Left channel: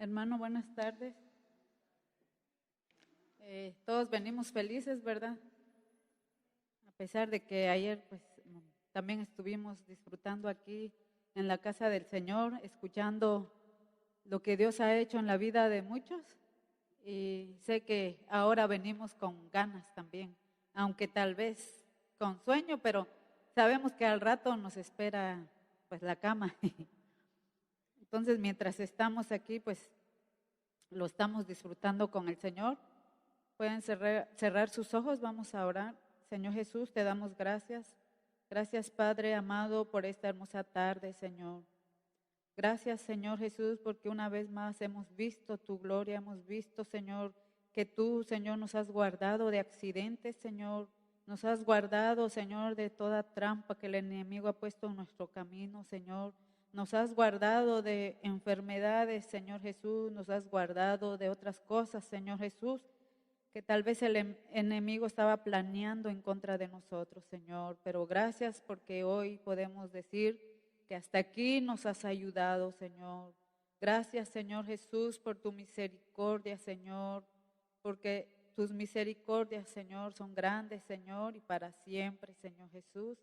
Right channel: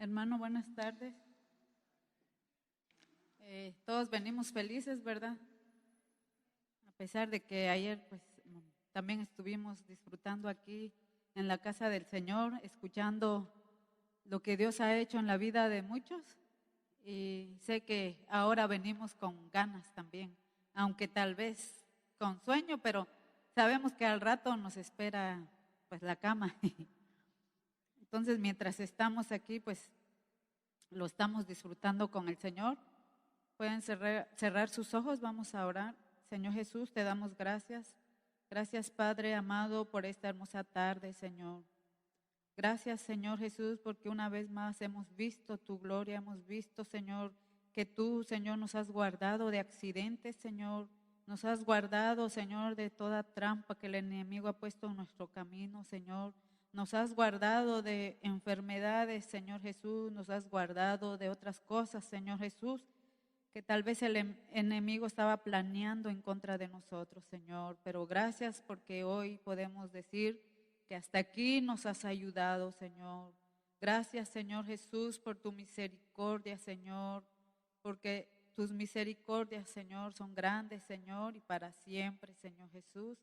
Hermano, buenas tardes. Todos venimos felices, ¿verdad? A pesar de que ayer también estuvimos disfrutando aquí en la casa del Señor, escuchando lo que Dios ha hecho en la vida de muchos. Y sé que ahora venimos con ganas también, aunque tal vez con sueño, pero sabemos que al rato nos espera pues la cama. Entonces, mientras estamos aquí, pues lo estamos disfrutando con el Señor. Pueden cerrar sus ojos, vamos a orar. Señor Jesús, te damos gracias. Gracias, Padre amado, por esta hermosa tarde, Señor. Gracias, Señor Jesús, porque una vez más hemos visto tu gloria, hemos visto, Señor, que tú, Señor, nos has guardado de accidentes, Señor. Nos has guardado, Señor, de toda trampa que el enemigo ha puesto en nuestro camino, Señor. Nos has guardado de enfermedades, Señor Jesús. Nos has guardado de otras cosas, Señor Jesús, que tal vez el enemigo estaba planeando en contra de nosotros, Señor. Pero gracias porque hoy podemos decir que hasta aquí nos has ayudado, Señor. Gracias, Señor Jesús, por tu misericordia, Señor, porque tus misericordias, Señor, son grandes, Señor, y para siempre, Señor Jesús.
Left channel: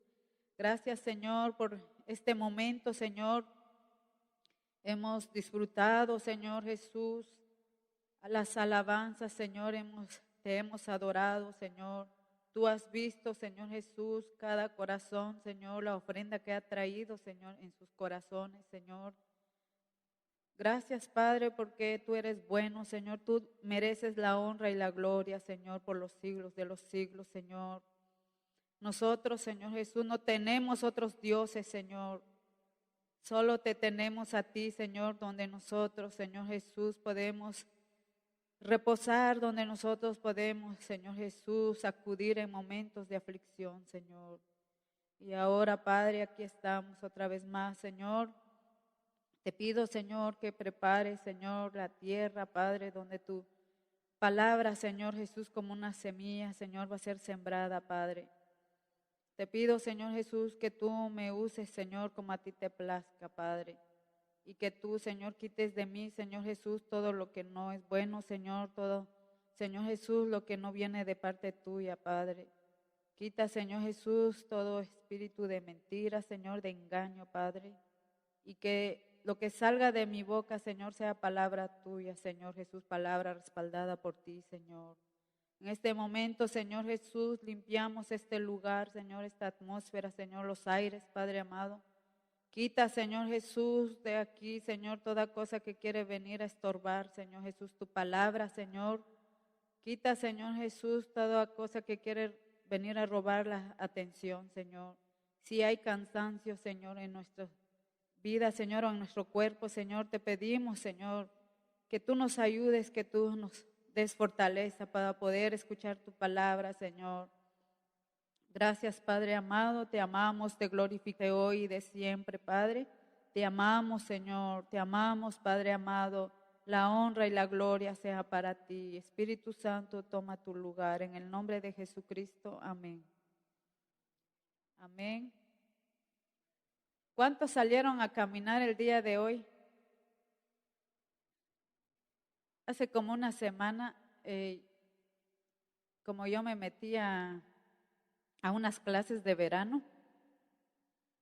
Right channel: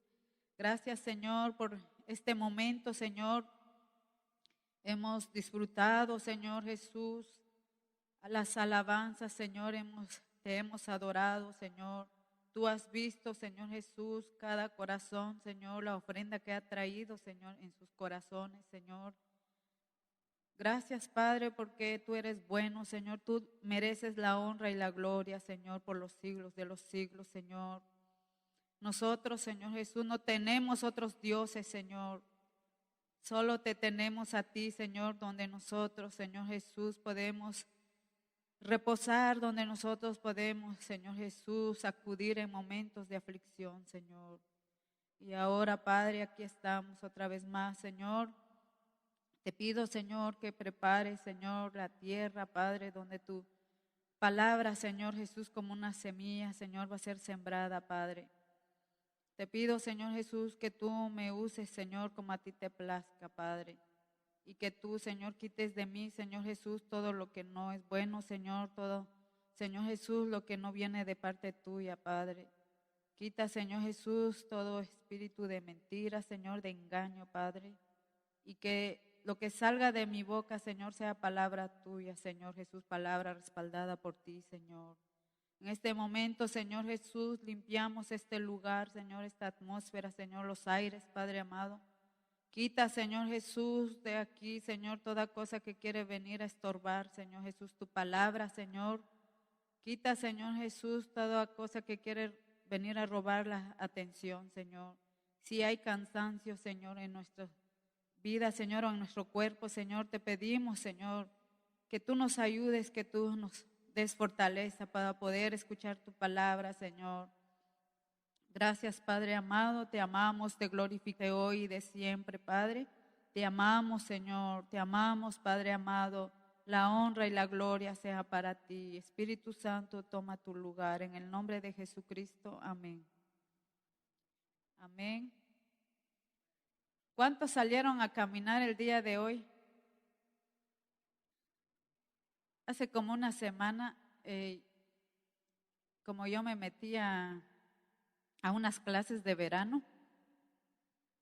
Gracias, Señor, por este momento, Señor. Hemos disfrutado, Señor Jesús, las alabanzas, Señor, te hemos adorado, Señor. Tú has visto, Señor Jesús, cada corazón, Señor, la ofrenda que ha traído, Señor, en sus corazones, Señor. Gracias, Padre, porque tú eres bueno, Señor. Tú mereces la honra y la gloria, Señor, por los siglos de los siglos, Señor. Nosotros, Señor Jesús, no tenemos otros dioses, Señor. Solo te tenemos a ti, Señor, donde nosotros, Señor Jesús, podemos reposar, donde nosotros podemos, Señor Jesús, acudir en momentos de aflicción, Señor. Y ahora, Padre, aquí estamos otra vez más, Señor. Te pido, Señor, que prepares, Señor, la tierra, Padre, donde tu palabra, Señor Jesús, como una semilla, Señor, va a ser sembrada, Padre. Te pido, Señor Jesús, que tú me uses, Señor, como a ti te plazca, Padre. Y que tú, Señor, quites de mí, Señor Jesús, todo lo que no es bueno, Señor, todo, Señor Jesús, lo que no viene de parte tuya, Padre. Quita, Señor Jesús, todo espíritu de mentira, Señor, de engaño, Padre. Y que lo que salga de mi boca, Señor, sea palabra tuya, Señor Jesús, palabra respaldada por ti, Señor. En este momento, Señor Jesús, limpiamos este lugar, Señor, esta atmósfera, Señor, los aires, Padre amado. Quita, Señor Jesús, de aquí, Señor, toda cosa que quiere venir a estorbar, Señor Jesús, tu palabra, Señor. Quita, Señor Jesús, toda cosa que quiere venir a robar la atención, Señor. Si hay cansancio, Señor, en nuestra vida, Señor, o en nuestro cuerpo, Señor, te pedimos, Señor, que tú nos ayudes, que tú nos des fortaleza para poder escuchar tu palabra, Señor. Gracias, Padre amado, te amamos, te glorifique hoy y de siempre, Padre. Te amamos, Señor, te amamos, Padre amado. La honra y la gloria sea para ti. Espíritu Santo, toma tu lugar. En el nombre de Jesucristo, amén. Amén. ¿Cuántos salieron a caminar el día de hoy? Hace como una semana, como yo me metí a unas clases de verano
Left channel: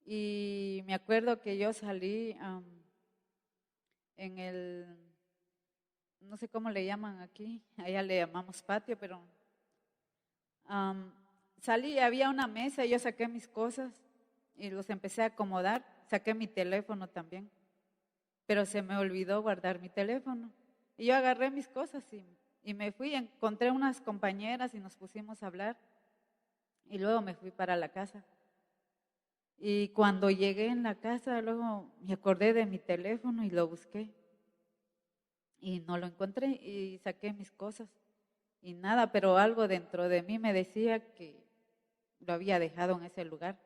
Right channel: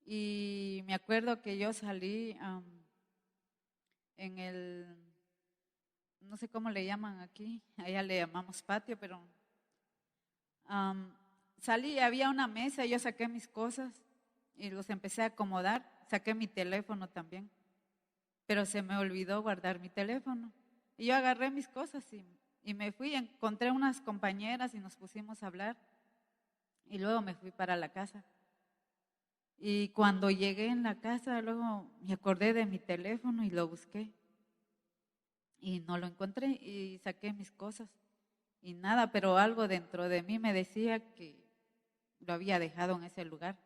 y me acuerdo que yo salí en el, no sé cómo le llaman aquí, allá le llamamos patio, pero salí, había una mesa y yo saqué mis cosas y los empecé a acomodar, saqué mi teléfono también, pero se me olvidó guardar mi teléfono. Y yo agarré mis cosas y me fui, encontré unas compañeras y nos pusimos a hablar y luego me fui para la casa. Y cuando llegué en la casa, luego me acordé de mi teléfono y lo busqué. Y no lo encontré y saqué mis cosas. Y nada, pero algo dentro de mí me decía que lo había dejado en ese lugar.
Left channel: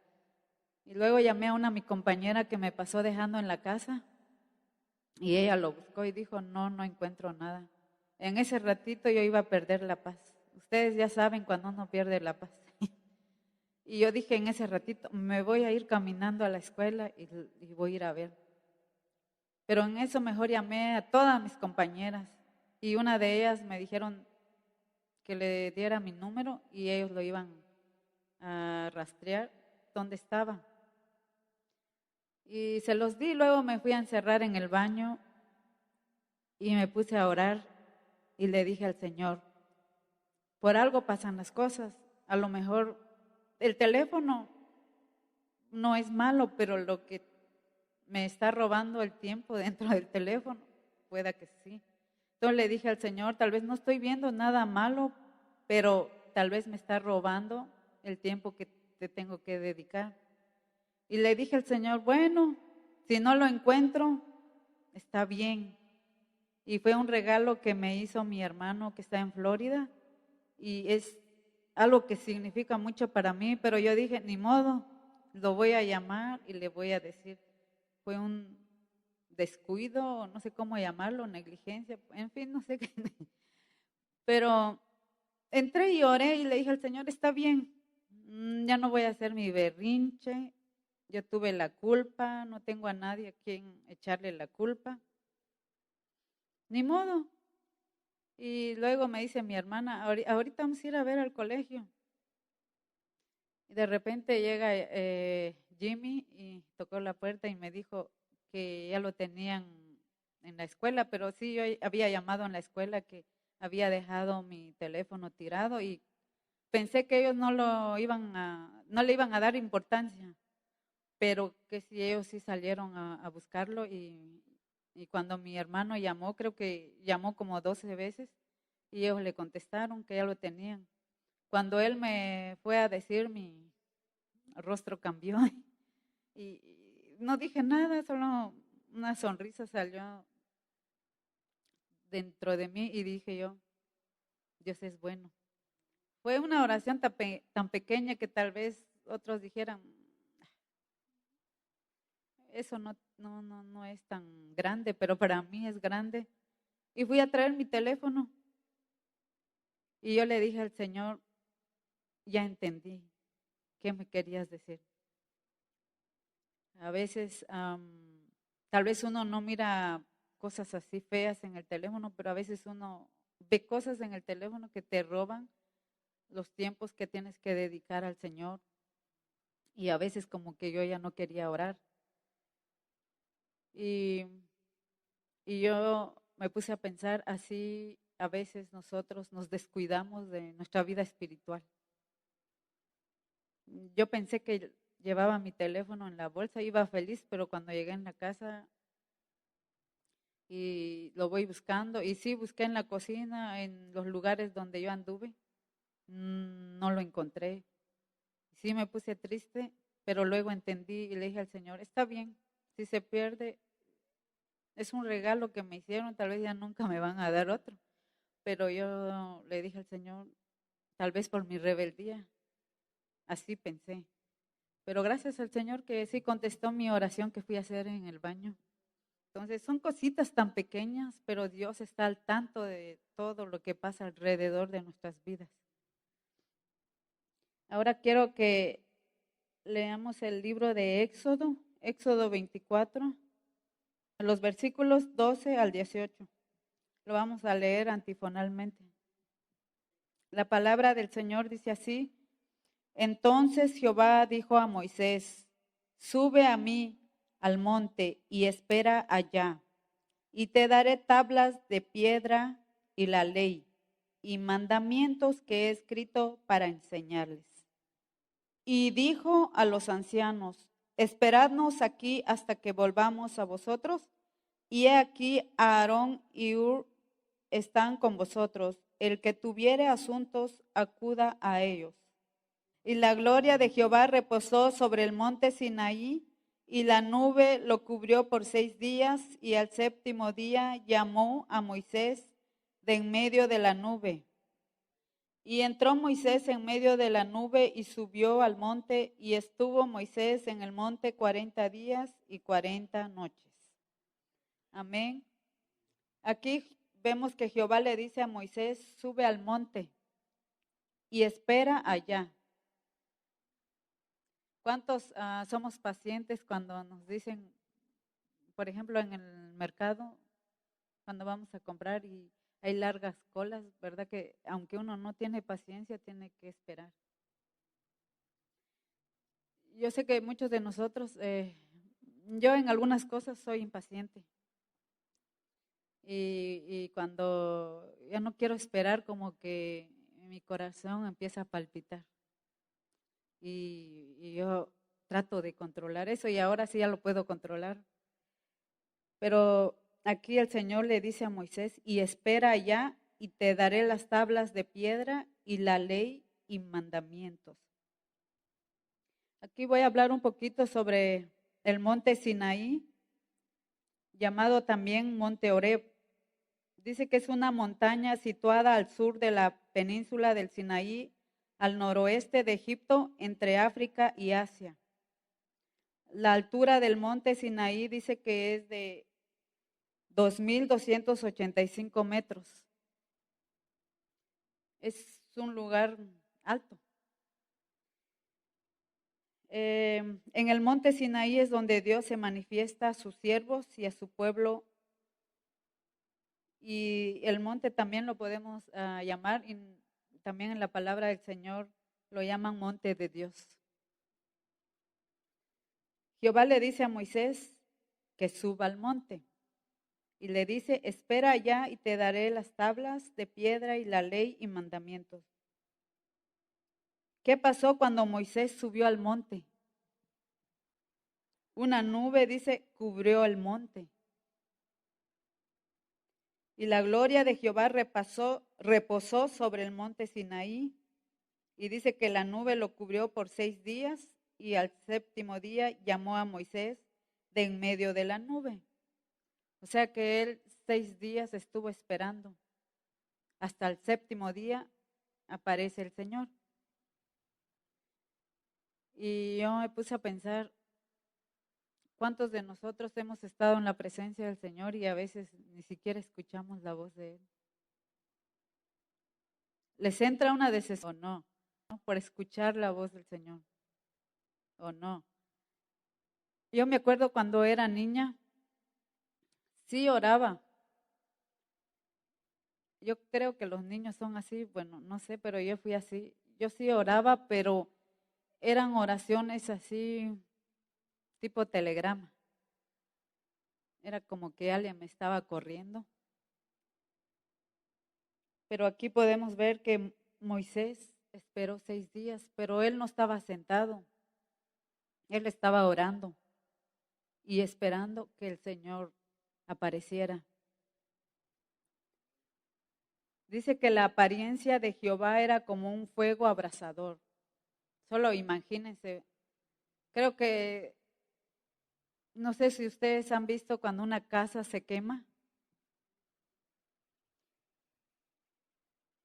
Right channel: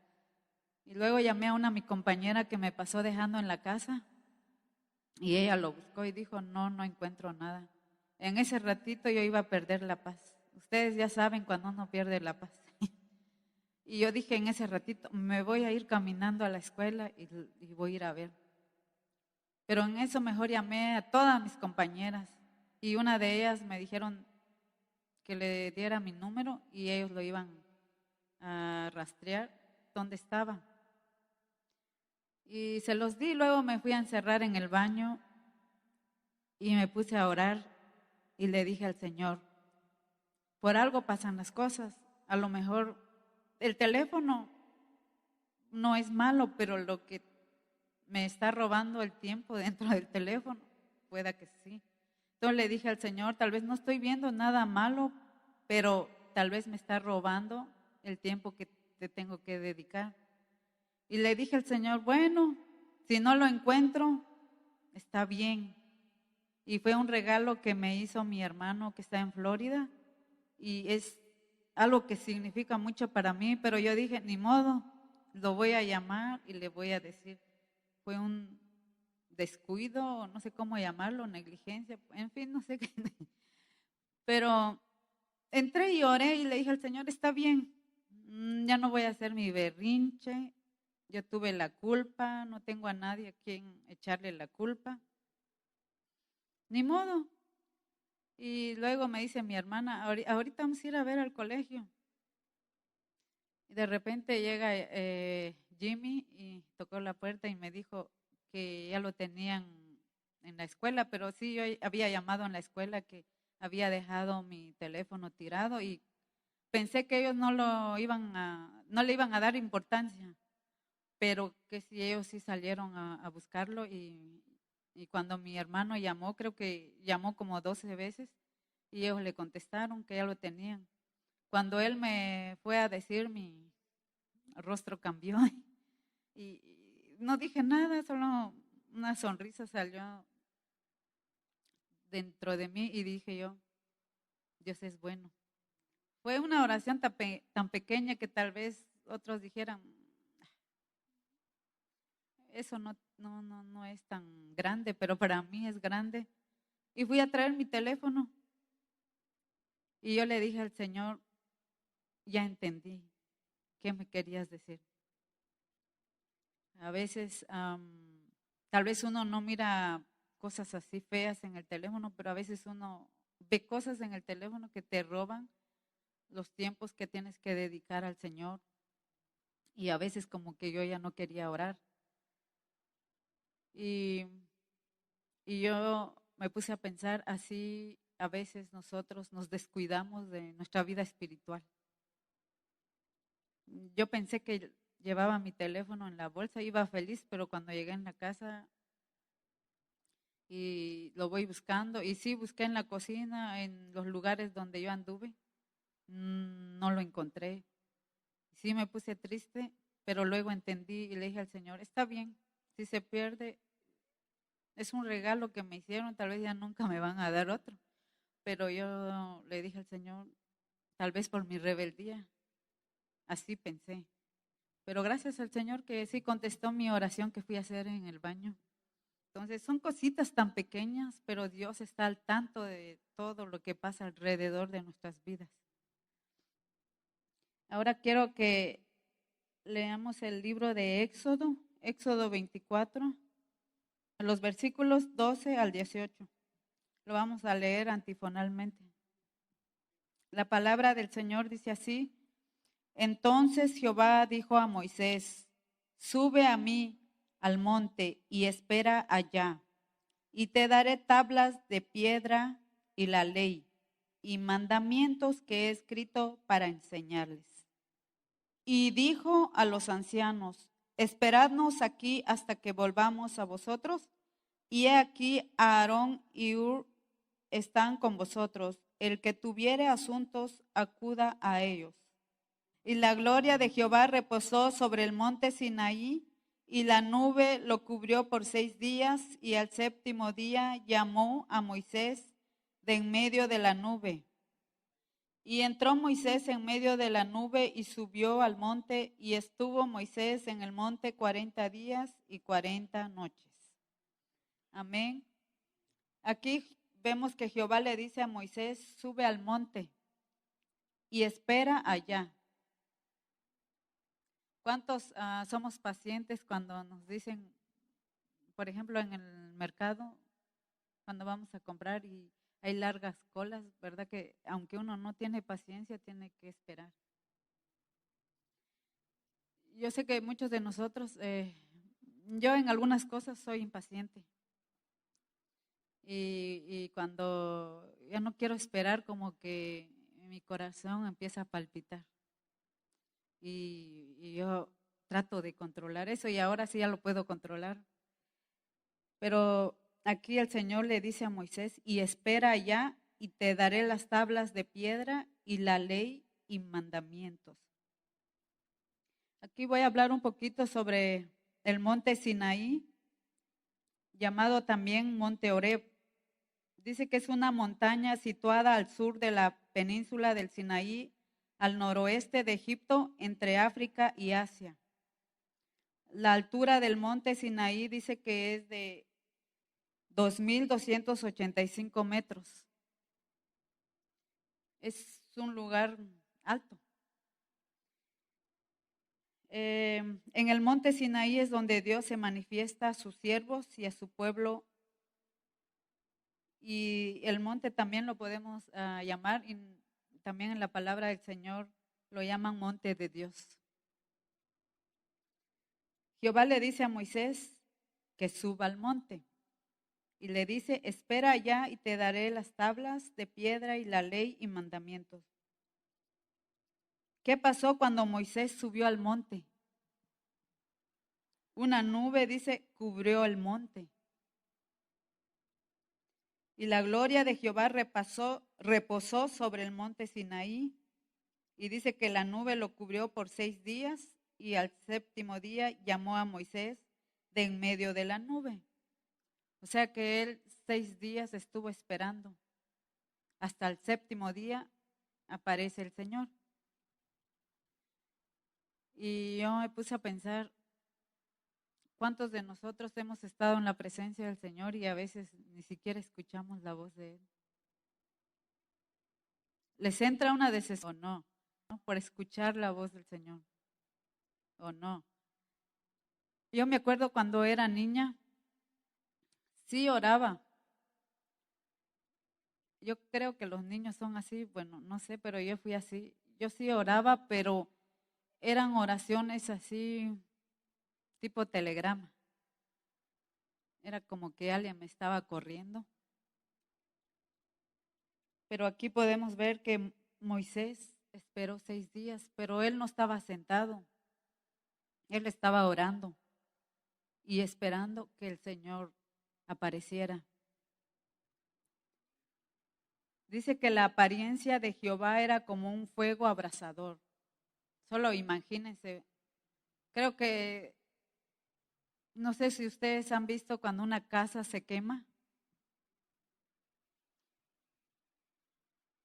Y luego llamé a mi compañera que me pasó dejando en la casa. Y ella lo buscó y dijo, no encuentro nada. En ese ratito yo iba a perder la paz. Ustedes ya saben cuando uno pierde la paz. Y yo dije en ese ratito, me voy a ir caminando a la escuela y voy a ir a ver. Pero en eso mejor llamé a todas mis compañeras y una de ellas me dijeron que le diera mi número y ellos lo iban a rastrear dónde estaba. Y se los di, luego me fui a encerrar en el baño y me puse a orar y le dije al Señor, por algo pasan las cosas, a lo mejor el teléfono no es malo, pero lo que me está robando el tiempo dentro del teléfono, pueda que sí. Entonces le dije al Señor, tal vez no estoy viendo nada malo, pero tal vez me está robando el tiempo que te tengo que dedicar. Y le dije al Señor, bueno, si no lo encuentro, está bien. Y fue un regalo que me hizo mi hermano que está en Florida y es algo que significa mucho para mí, pero yo dije, ni modo, lo voy a llamar y le voy a decir, fue un descuido, no sé cómo llamarlo, negligencia, en fin, no sé qué. Pero entré y oré y le dije al Señor, está bien, ya no voy a hacer mi berrinche, yo tuve la culpa, no tengo a nadie a quien echarle la culpa, ni modo. Y luego me dice mi hermana, ahorita vamos a ir a ver al colegio. Y de repente llega Jimmy y tocó la puerta y me dijo que ya lo tenían en la escuela, pero sí, yo había llamado en la escuela que había dejado mi teléfono tirado y pensé que ellos no le iban a dar importancia, pero que sí, ellos sí salieron a buscarlo y cuando mi hermano llamó, creo que llamó como 12 veces y ellos le contestaron que ya lo tenían. Cuando él me fue a decir, mi rostro cambió y no dije nada, solo una sonrisa salió dentro de mí y dije yo, Dios es bueno. Fue una oración tan pequeña que tal vez otros dijeran, eso no es tan grande, pero para mí es grande. Y fui a traer mi teléfono y yo le dije al Señor, ya entendí qué me querías decir. A veces, tal vez uno no mira cosas así feas en el teléfono, pero a veces uno ve cosas en el teléfono que te roban los tiempos que tienes que dedicar al Señor. Y a veces como que yo ya no quería orar. Y, y yo me puse a pensar, así a veces nosotros nos descuidamos de nuestra vida espiritual. Yo pensé que llevaba mi teléfono en la bolsa, iba feliz, pero cuando llegué en la casa y lo voy buscando, y sí, busqué en la cocina, en los lugares donde yo anduve, no lo encontré. Sí me puse triste, pero luego entendí y le dije al Señor, está bien, si se pierde, es un regalo que me hicieron, tal vez ya nunca me van a dar otro. Pero yo le dije al Señor, tal vez por mi rebeldía, así pensé. Pero gracias al Señor que sí contestó mi oración que fui a hacer en el baño. Entonces son cositas tan pequeñas, pero Dios está al tanto de todo lo que pasa alrededor de nuestras vidas. Ahora quiero que leamos el libro de Éxodo, Éxodo 24, los versículos 12 al 18. Lo vamos a leer antifonalmente. La palabra del Señor dice así: Entonces Jehová dijo a Moisés, sube a mí al monte y espera allá, y te daré tablas de piedra y la ley y mandamientos que he escrito para enseñarles. Y dijo a los ancianos, esperadnos aquí hasta que volvamos a vosotros. Y he aquí Aarón y Hur están con vosotros. El que tuviere asuntos, acuda a ellos. Y la gloria de Jehová reposó sobre el monte Sinaí, y la nube lo cubrió por 6 días, y al séptimo día llamó a Moisés de en medio de la nube. Y entró Moisés en medio de la nube y subió al monte, y estuvo Moisés en el monte 40 días y 40 noches. Amén. Aquí vemos que Jehová le dice a Moisés, sube al monte y espera allá. ¿Cuántos somos pacientes cuando nos dicen, por ejemplo, en el mercado, cuando vamos a comprar y hay largas colas, ¿verdad? Que aunque uno no tiene paciencia, tiene que esperar. Yo sé que muchos de nosotros, yo en algunas cosas soy impaciente y cuando ya no quiero esperar, como que mi corazón empieza a palpitar y yo trato de controlar eso y ahora sí ya lo puedo controlar. Pero aquí el Señor le dice a Moisés, y espera allá y te daré las tablas de piedra y la ley y mandamientos. Aquí voy a hablar un poquito sobre el monte Sinaí, llamado también monte Horeb. Dice que es una montaña situada al sur de la península del Sinaí, al noroeste de Egipto, entre África y Asia. La altura del monte Sinaí dice que es de 2.285 metros. Es un lugar alto. En el monte Sinaí es donde Dios se manifiesta a sus siervos y a su pueblo. Y el monte también lo podemos llamar, y también en la palabra del Señor lo llaman monte de Dios. Jehová le dice a Moisés que suba al monte y le dice, espera allá y te daré las tablas de piedra y la ley y mandamientos. ¿Qué pasó cuando Moisés subió al monte? Una nube, dice, cubrió el monte. Y la gloria de Jehová reposó sobre el monte Sinaí. Y dice que la nube lo cubrió por 6 días y al séptimo día llamó a Moisés de en medio de la nube. O sea que él 6 días estuvo esperando. Hasta el séptimo día aparece el Señor. Y yo me puse a pensar, ¿cuántos de nosotros hemos estado en la presencia del Señor y a veces ni siquiera escuchamos la voz de Él? ¿Les entra una desesperación o no? Por escuchar la voz del Señor o no. Yo me acuerdo cuando era niña, sí oraba. Yo creo que los niños son así, bueno, no sé, pero yo fui así. Yo sí oraba, pero eran oraciones así, tipo telegrama. Era como que alguien me estaba corriendo. Pero aquí podemos ver que Moisés esperó 6 días, pero él no estaba sentado. Él estaba orando y esperando que el Señor apareciera. Dice que la apariencia de Jehová era como un fuego abrasador. Solo imagínense. Creo que, no sé si ustedes han visto cuando una casa se quema.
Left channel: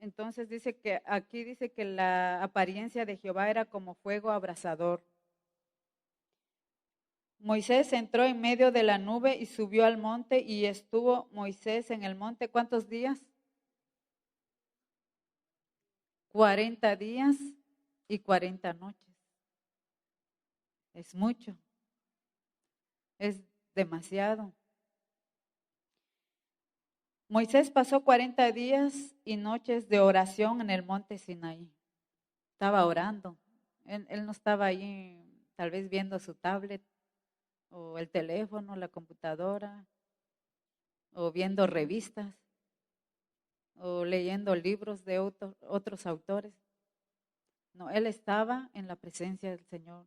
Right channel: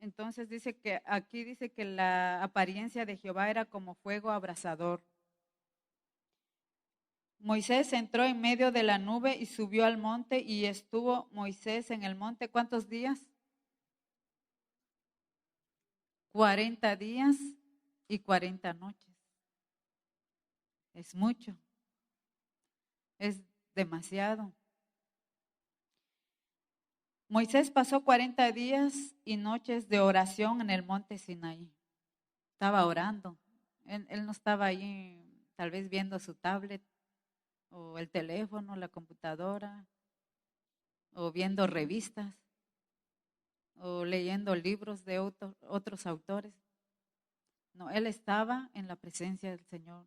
Entonces dice que aquí dice que la apariencia de Jehová era como fuego abrasador. Moisés entró en medio de la nube y subió al monte y estuvo Moisés en el monte. ¿Cuántos días? 40 días y 40 noches. Es mucho, es demasiado. Moisés pasó 40 días y noches de oración en el monte Sinaí. Estaba orando. Él no estaba ahí tal vez viendo su tablet o el teléfono, la computadora, o viendo revistas, o leyendo libros de otros autores. No, él estaba en la presencia del Señor.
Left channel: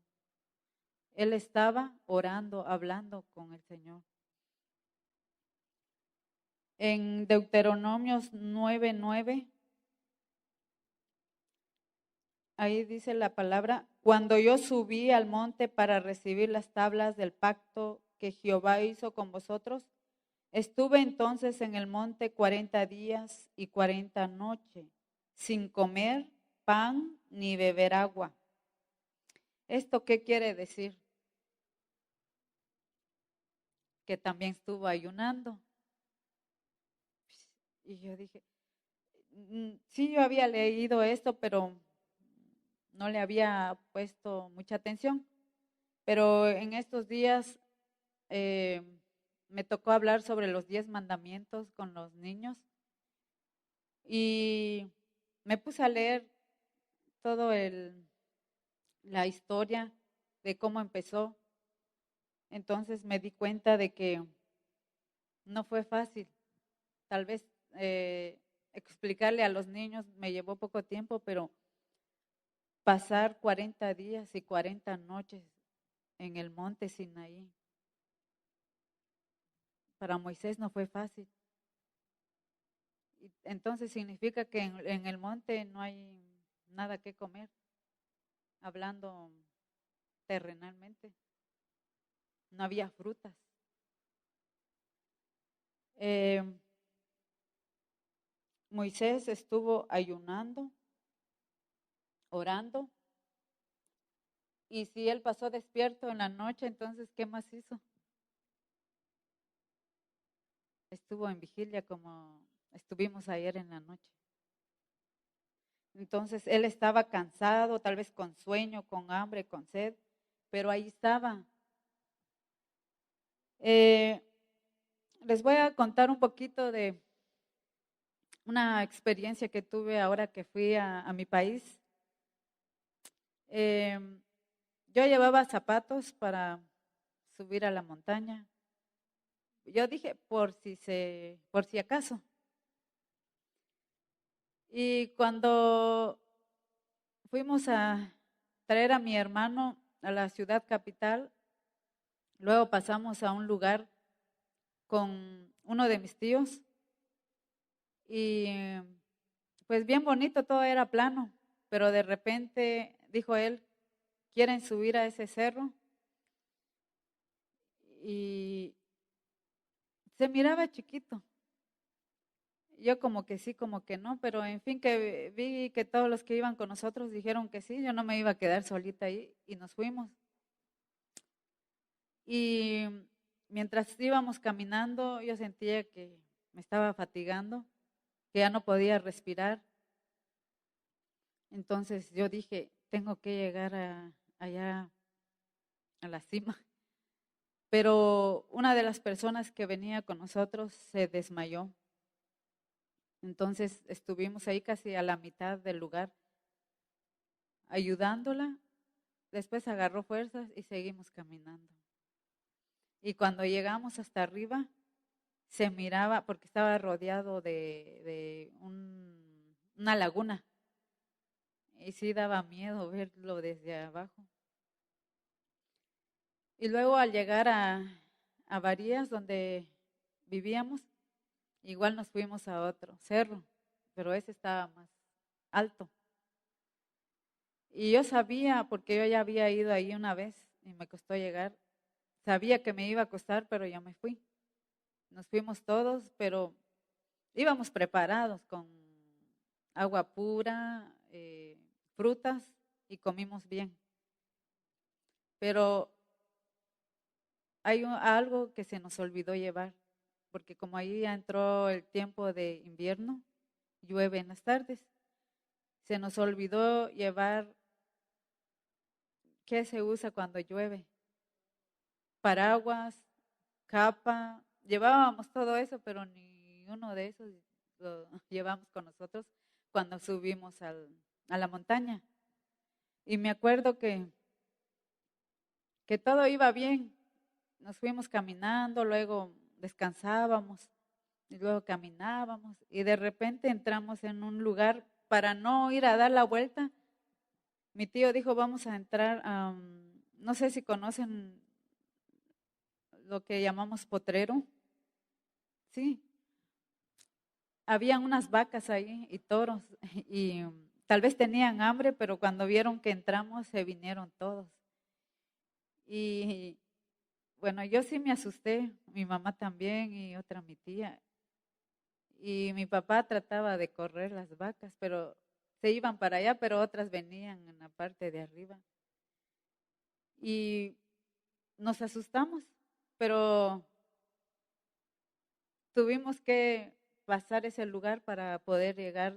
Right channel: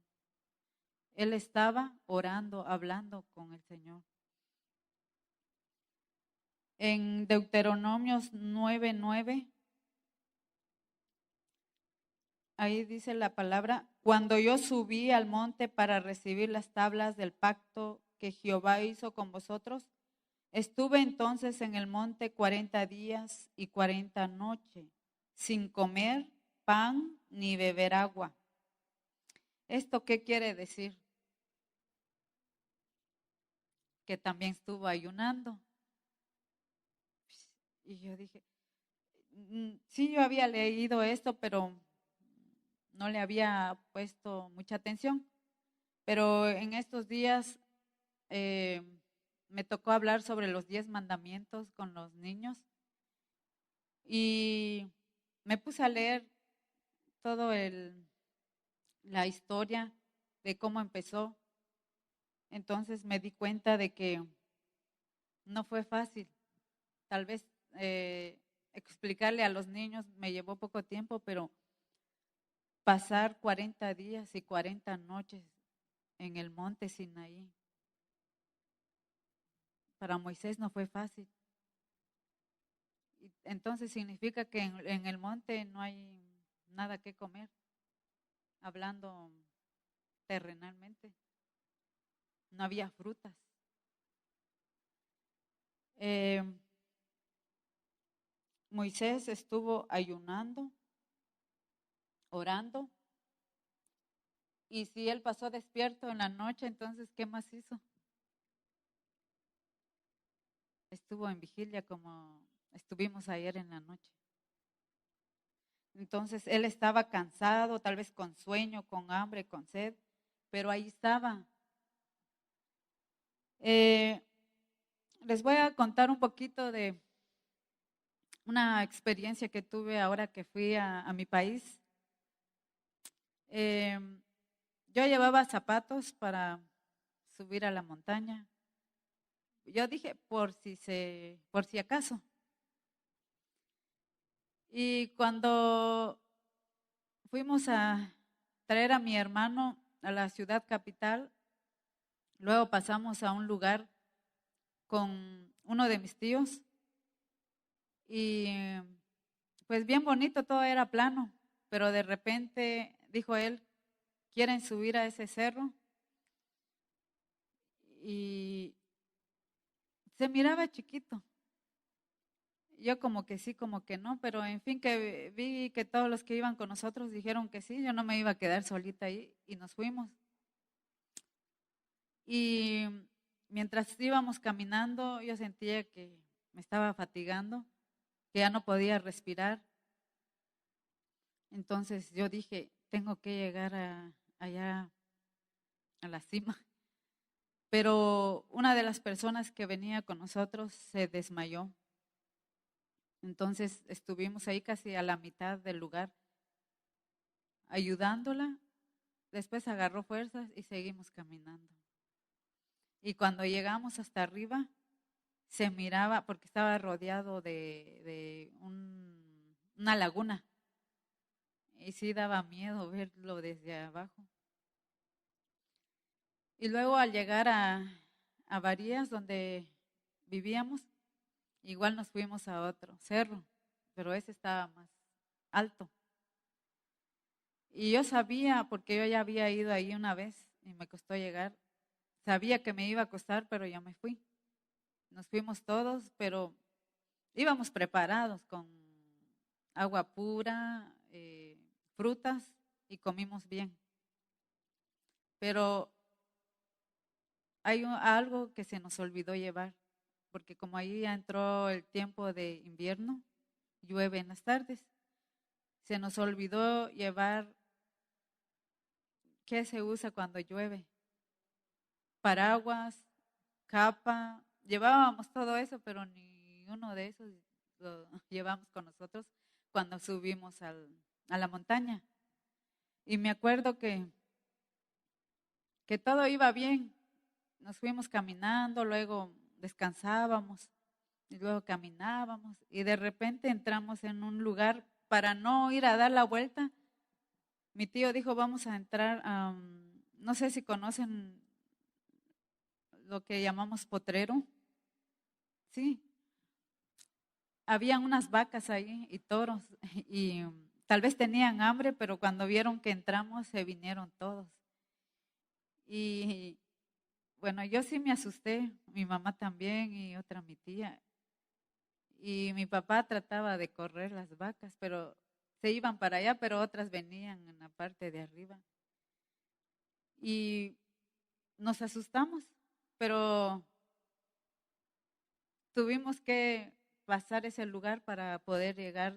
Él estaba orando, hablando con el Señor. En Deuteronomios 9:9, ahí dice la palabra, cuando yo subí al monte para recibir las tablas del pacto que Jehová hizo con vosotros, estuve entonces en el monte 40 días y 40 noches, sin comer pan ni beber agua. ¿Esto qué quiere decir? Que también estuvo ayunando. Y yo dije, sí, yo había leído esto, pero no le había puesto mucha atención. Pero en estos días me tocó hablar sobre los 10 mandamientos con los niños y me puse a leer todo la historia de cómo empezó. Entonces me di cuenta de que no fue fácil. Tal vez explicarle a los niños me llevó poco tiempo, pero pasar 40 días y 40 noches en el monte Sinaí, para Moisés no fue fácil. Entonces significa que en el monte no hay nada que comer, hablando terrenalmente. No había frutas. Eh, Moisés estuvo ayunando, orando, y si él pasó despierto en la noche, entonces, ¿qué más hizo? Estuvo en vigilia como estuvimos ayer en la noche. Entonces, él estaba cansado, tal vez con sueño, con hambre, con sed, pero ahí estaba. Eh, Les voy a contar un poquito de una experiencia que tuve ahora que fui a mi país. Eh, yo llevaba zapatos para subir a la montaña. Yo dije, por si acaso. Y cuando fuimos a traer a mi hermano a la ciudad capital, luego pasamos a un lugar con uno de mis tíos y pues bien bonito, todo era plano, pero de repente dijo él, ¿quieren subir a ese cerro? Y se miraba chiquito. Yo como que sí, como que no, pero en fin que vi que todos los que iban con nosotros dijeron que sí, yo no me iba a quedar solita ahí y nos fuimos. Y mientras íbamos caminando, yo sentía que me estaba fatigando, que ya no podía respirar. Entonces yo dije, tengo que llegar allá a la cima. Pero una de las personas que venía con nosotros se desmayó. Entonces estuvimos ahí casi a la mitad del lugar ayudándola. Después agarró fuerzas y seguimos caminando. Y cuando llegamos hasta arriba, se miraba, porque estaba rodeado de una laguna. Y sí daba miedo verlo desde abajo. Y luego al llegar a Varías, donde vivíamos, igual nos fuimos a otro cerro, pero ese estaba más alto. Y yo sabía, porque yo ya había ido ahí una vez y me costó llegar, sabía que me iba a costar, pero yo me fui. Nos fuimos todos, pero íbamos preparados con agua pura, frutas y comimos bien. Pero hay algo que se nos olvidó llevar, porque como ahí ya entró el tiempo de invierno, llueve en las tardes, se nos olvidó llevar qué se usa cuando llueve, paraguas, capa, llevábamos todo eso, pero ni uno de esos lo llevamos con nosotros cuando subimos a la montaña. Y me acuerdo que todo iba bien, nos fuimos caminando, luego descansábamos y luego caminábamos y de repente entramos en un lugar para no ir a dar la vuelta. Mi tío dijo, vamos a entrar, no sé si conocen lo que llamamos potrero. Sí, habían unas vacas ahí y toros y tal vez tenían hambre, pero cuando vieron que entramos se vinieron todos. Y bueno, yo sí me asusté, mi mamá también y otra mi tía. Y mi papá trataba de correr las vacas, pero se iban para allá, pero otras venían en la parte de arriba. Y nos asustamos, pero tuvimos que pasar ese lugar para poder llegar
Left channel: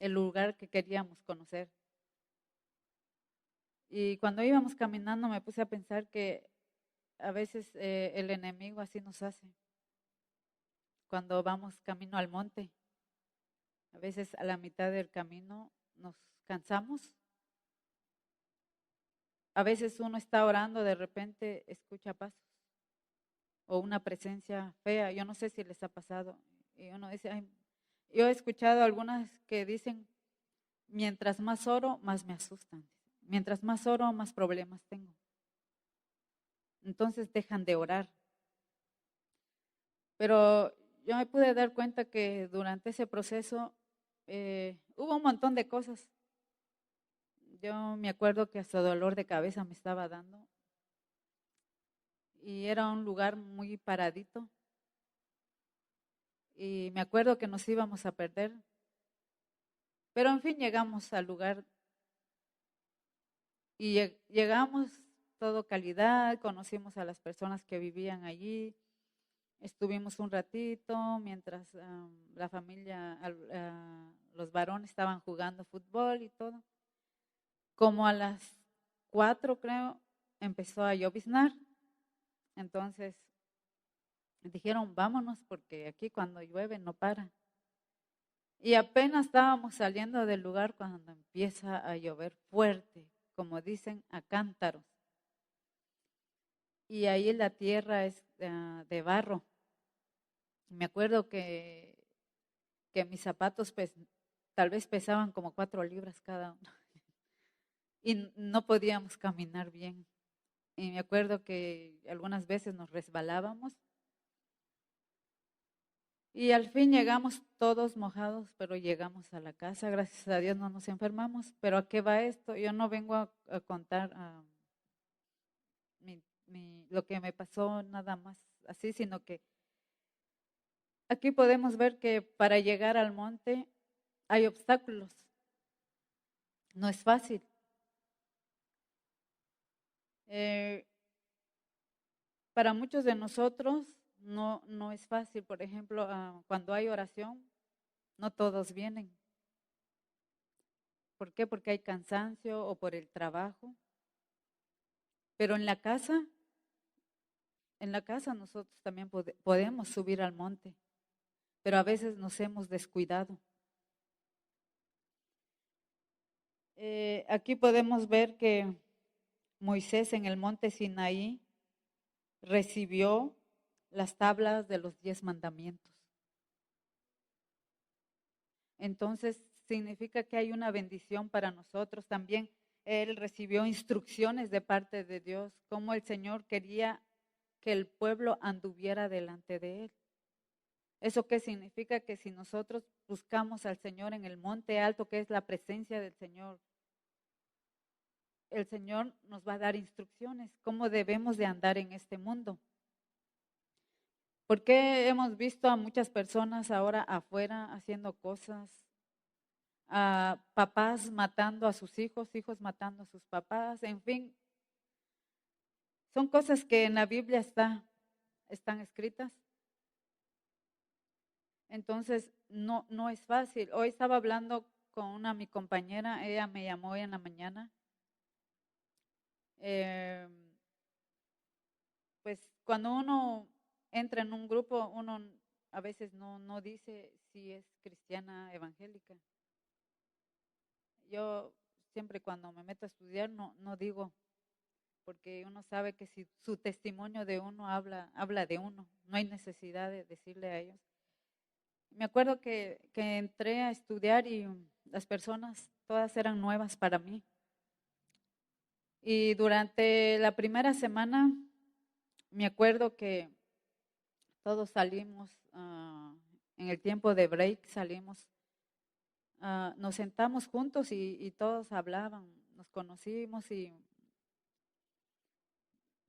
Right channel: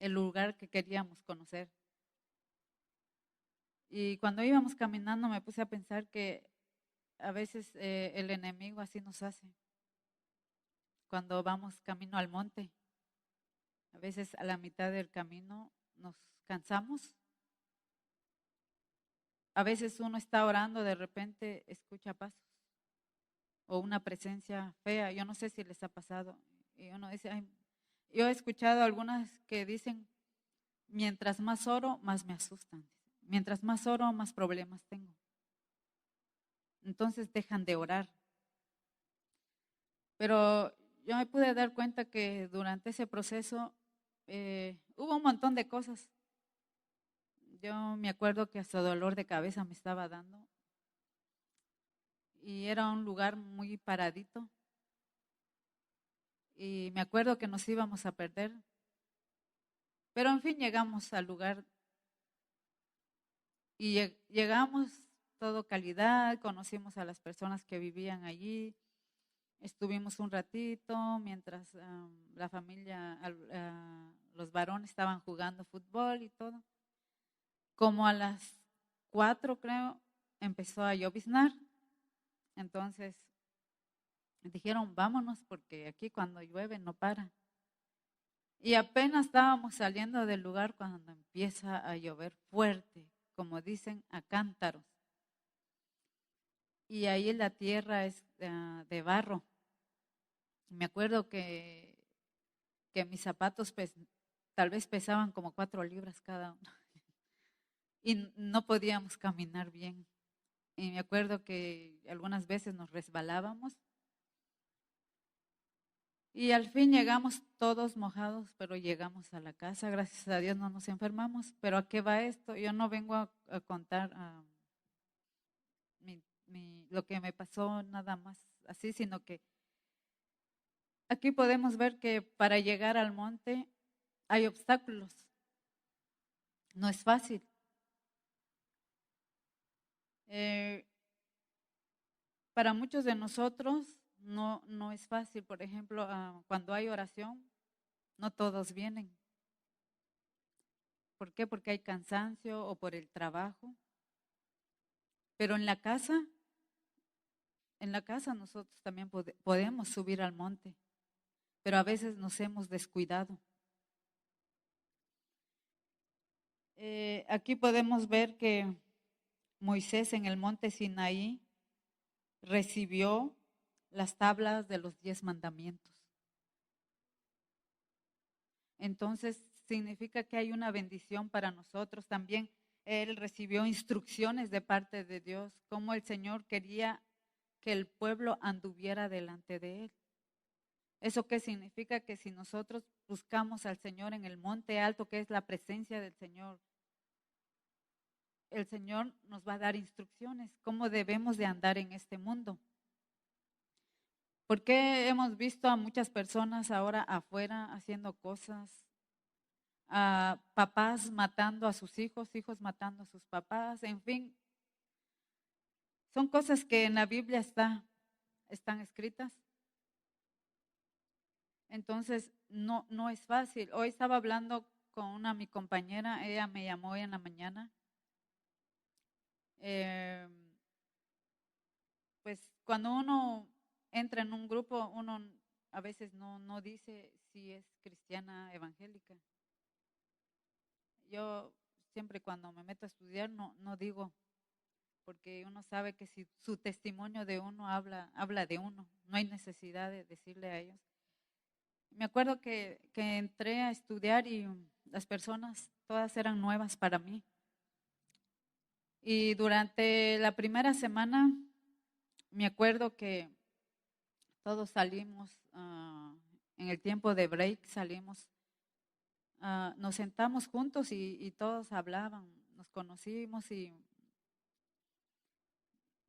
el lugar que queríamos conocer. Y cuando íbamos caminando me puse a pensar que a veces el enemigo así nos hace. Cuando vamos camino al monte, a veces a la mitad del camino nos cansamos. A veces uno está orando, de repente escucha pasos o una presencia fea. Yo no sé si les ha pasado. Y uno dice, "Ay", yo he escuchado algunas que dicen, mientras más oro, más me asustan. Mientras más oro, más problemas tengo. Entonces dejan de orar. Pero yo me pude dar cuenta que durante ese proceso hubo un montón de cosas. Yo me acuerdo que hasta dolor de cabeza me estaba dando y era un lugar muy paradito y me acuerdo que nos íbamos a perder, pero en fin llegamos al lugar y llegamos todo calidad, conocimos a las personas que vivían allí, estuvimos un ratito mientras la familia, los varones estaban jugando fútbol y todo. Como a las 4 creo, empezó a lloviznar. Entonces dijeron, vámonos porque aquí cuando llueve no para. Y apenas estábamos saliendo del lugar cuando empieza a llover fuerte, como dicen, a cántaros. Y ahí la tierra es de barro. Me acuerdo que mis zapatos tal vez pesaban como 4 libras cada uno. Y no podíamos caminar bien. Y me acuerdo que algunas veces nos resbalábamos. Y al fin llegamos todos mojados, pero llegamos a la casa. Gracias a Dios no nos enfermamos. Pero ¿a qué va esto? Yo no vengo a contar lo que me pasó nada más así, sino que aquí podemos ver que para llegar al monte hay obstáculos. No es fácil. Eh, para muchos de nosotros no es fácil. Por ejemplo, cuando hay oración, no todos vienen. ¿Por qué? Porque hay cansancio o por el trabajo. Pero en la casa nosotros también podemos subir al monte, pero a veces nos hemos descuidado. Aquí podemos ver que Moisés en el monte Sinaí recibió las tablas de los 10 mandamientos. Entonces significa que hay una bendición para nosotros también. Él recibió instrucciones de parte de Dios, como el Señor quería que el pueblo anduviera delante de él. ¿Eso qué significa? Que si nosotros buscamos al Señor en el monte alto, que es la presencia del Señor, el Señor nos va a dar instrucciones, cómo debemos de andar en este mundo. Porque hemos visto a muchas personas ahora afuera haciendo cosas, a papás matando a sus hijos, hijos matando a sus papás, en fin, son cosas que en la Biblia están escritas. Entonces, no es fácil. Hoy estaba hablando con mi compañera, ella me llamó hoy en la mañana. Eh, pues cuando uno entra en un grupo, uno a veces no dice si es cristiana evangélica. Yo siempre cuando me meto a estudiar no digo, porque uno sabe que si su testimonio de uno habla de uno, no hay necesidad de decirle a ellos. Me acuerdo que entré a estudiar y las personas todas eran nuevas para mí. Y durante la primera semana me acuerdo que todos salimos, en el tiempo de break salimos, nos sentamos juntos y todos hablaban, nos conocimos y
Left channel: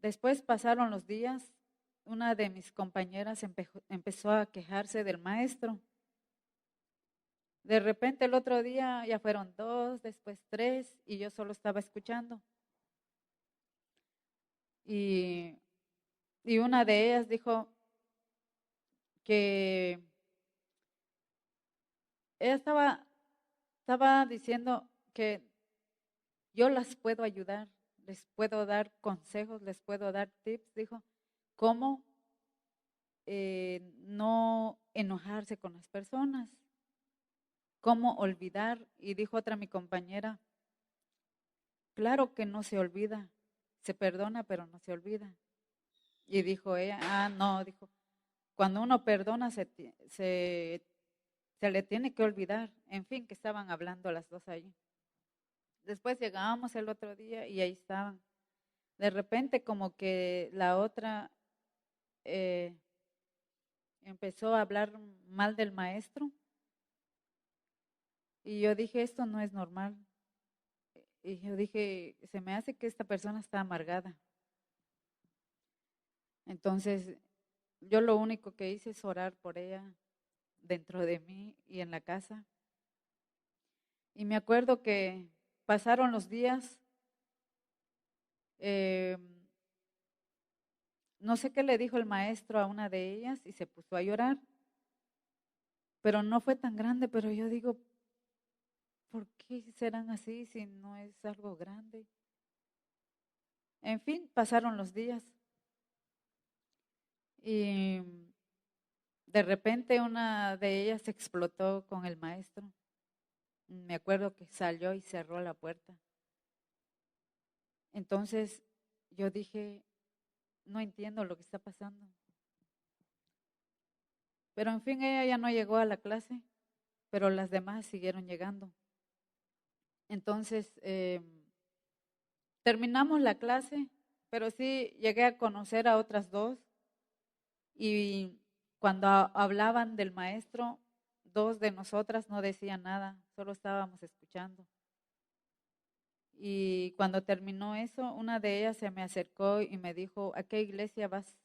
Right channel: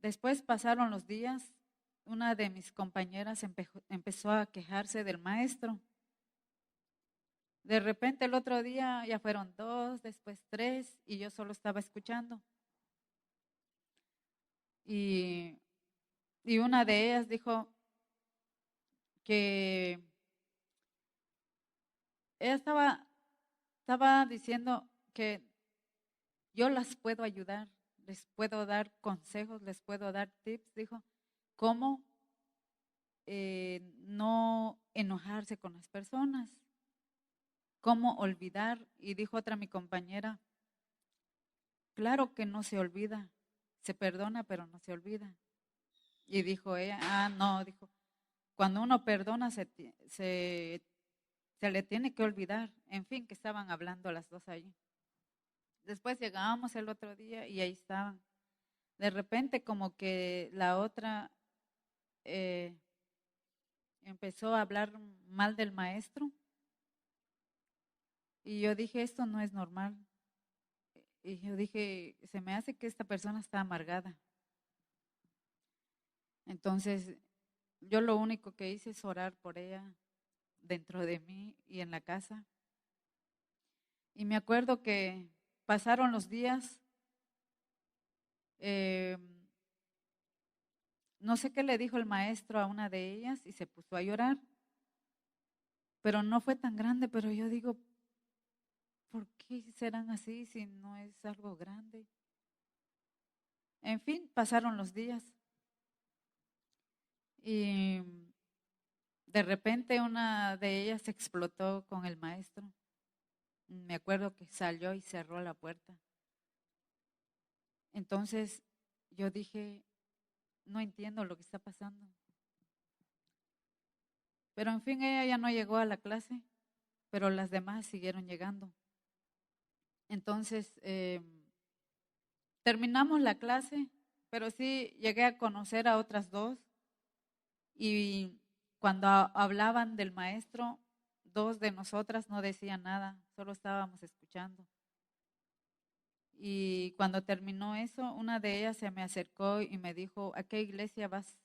después pasaron los días, una de mis compañeras empezó a quejarse del maestro. De repente el otro día ya fueron 2, después 3 y yo solo estaba escuchando. Y, y una de ellas dijo que ella estaba diciendo que yo las puedo ayudar. les puedo dar consejos, les puedo dar tips, dijo, cómo no enojarse con las personas, cómo olvidar. Y dijo otra mi compañera, claro que no se olvida, se perdona, pero no se olvida. Y dijo ella, no, dijo, cuando uno perdona se le tiene que olvidar. En fin, que estaban hablando las dos allí. Después llegábamos el otro día y ahí estaban. De repente como que la otra eh, empezó a hablar mal del maestro y yo dije, esto no es normal. Y yo dije, se me hace que esta persona está amargada. Entonces, yo lo único que hice es orar por ella dentro de mí y en la casa. Y me acuerdo que pasaron los días, eh, no sé qué le dijo el maestro a una de ellas y se puso a llorar, pero no fue tan grande, pero yo digo, ¿por qué serán así si no es algo grande? En fin, pasaron los días y de repente una de ellas explotó con el maestro. Me acuerdo que salió y cerró la puerta. Entonces yo dije, no entiendo lo que está pasando. Pero en fin, ella ya no llegó a la clase, pero las demás siguieron llegando. Entonces, terminamos la clase, pero sí llegué a conocer a otras dos y cuando hablaban del maestro, dos de nosotras no decían nada, solo estábamos escuchando. Y cuando terminó eso, una de ellas se me acercó y me dijo, ¿a qué iglesia vas?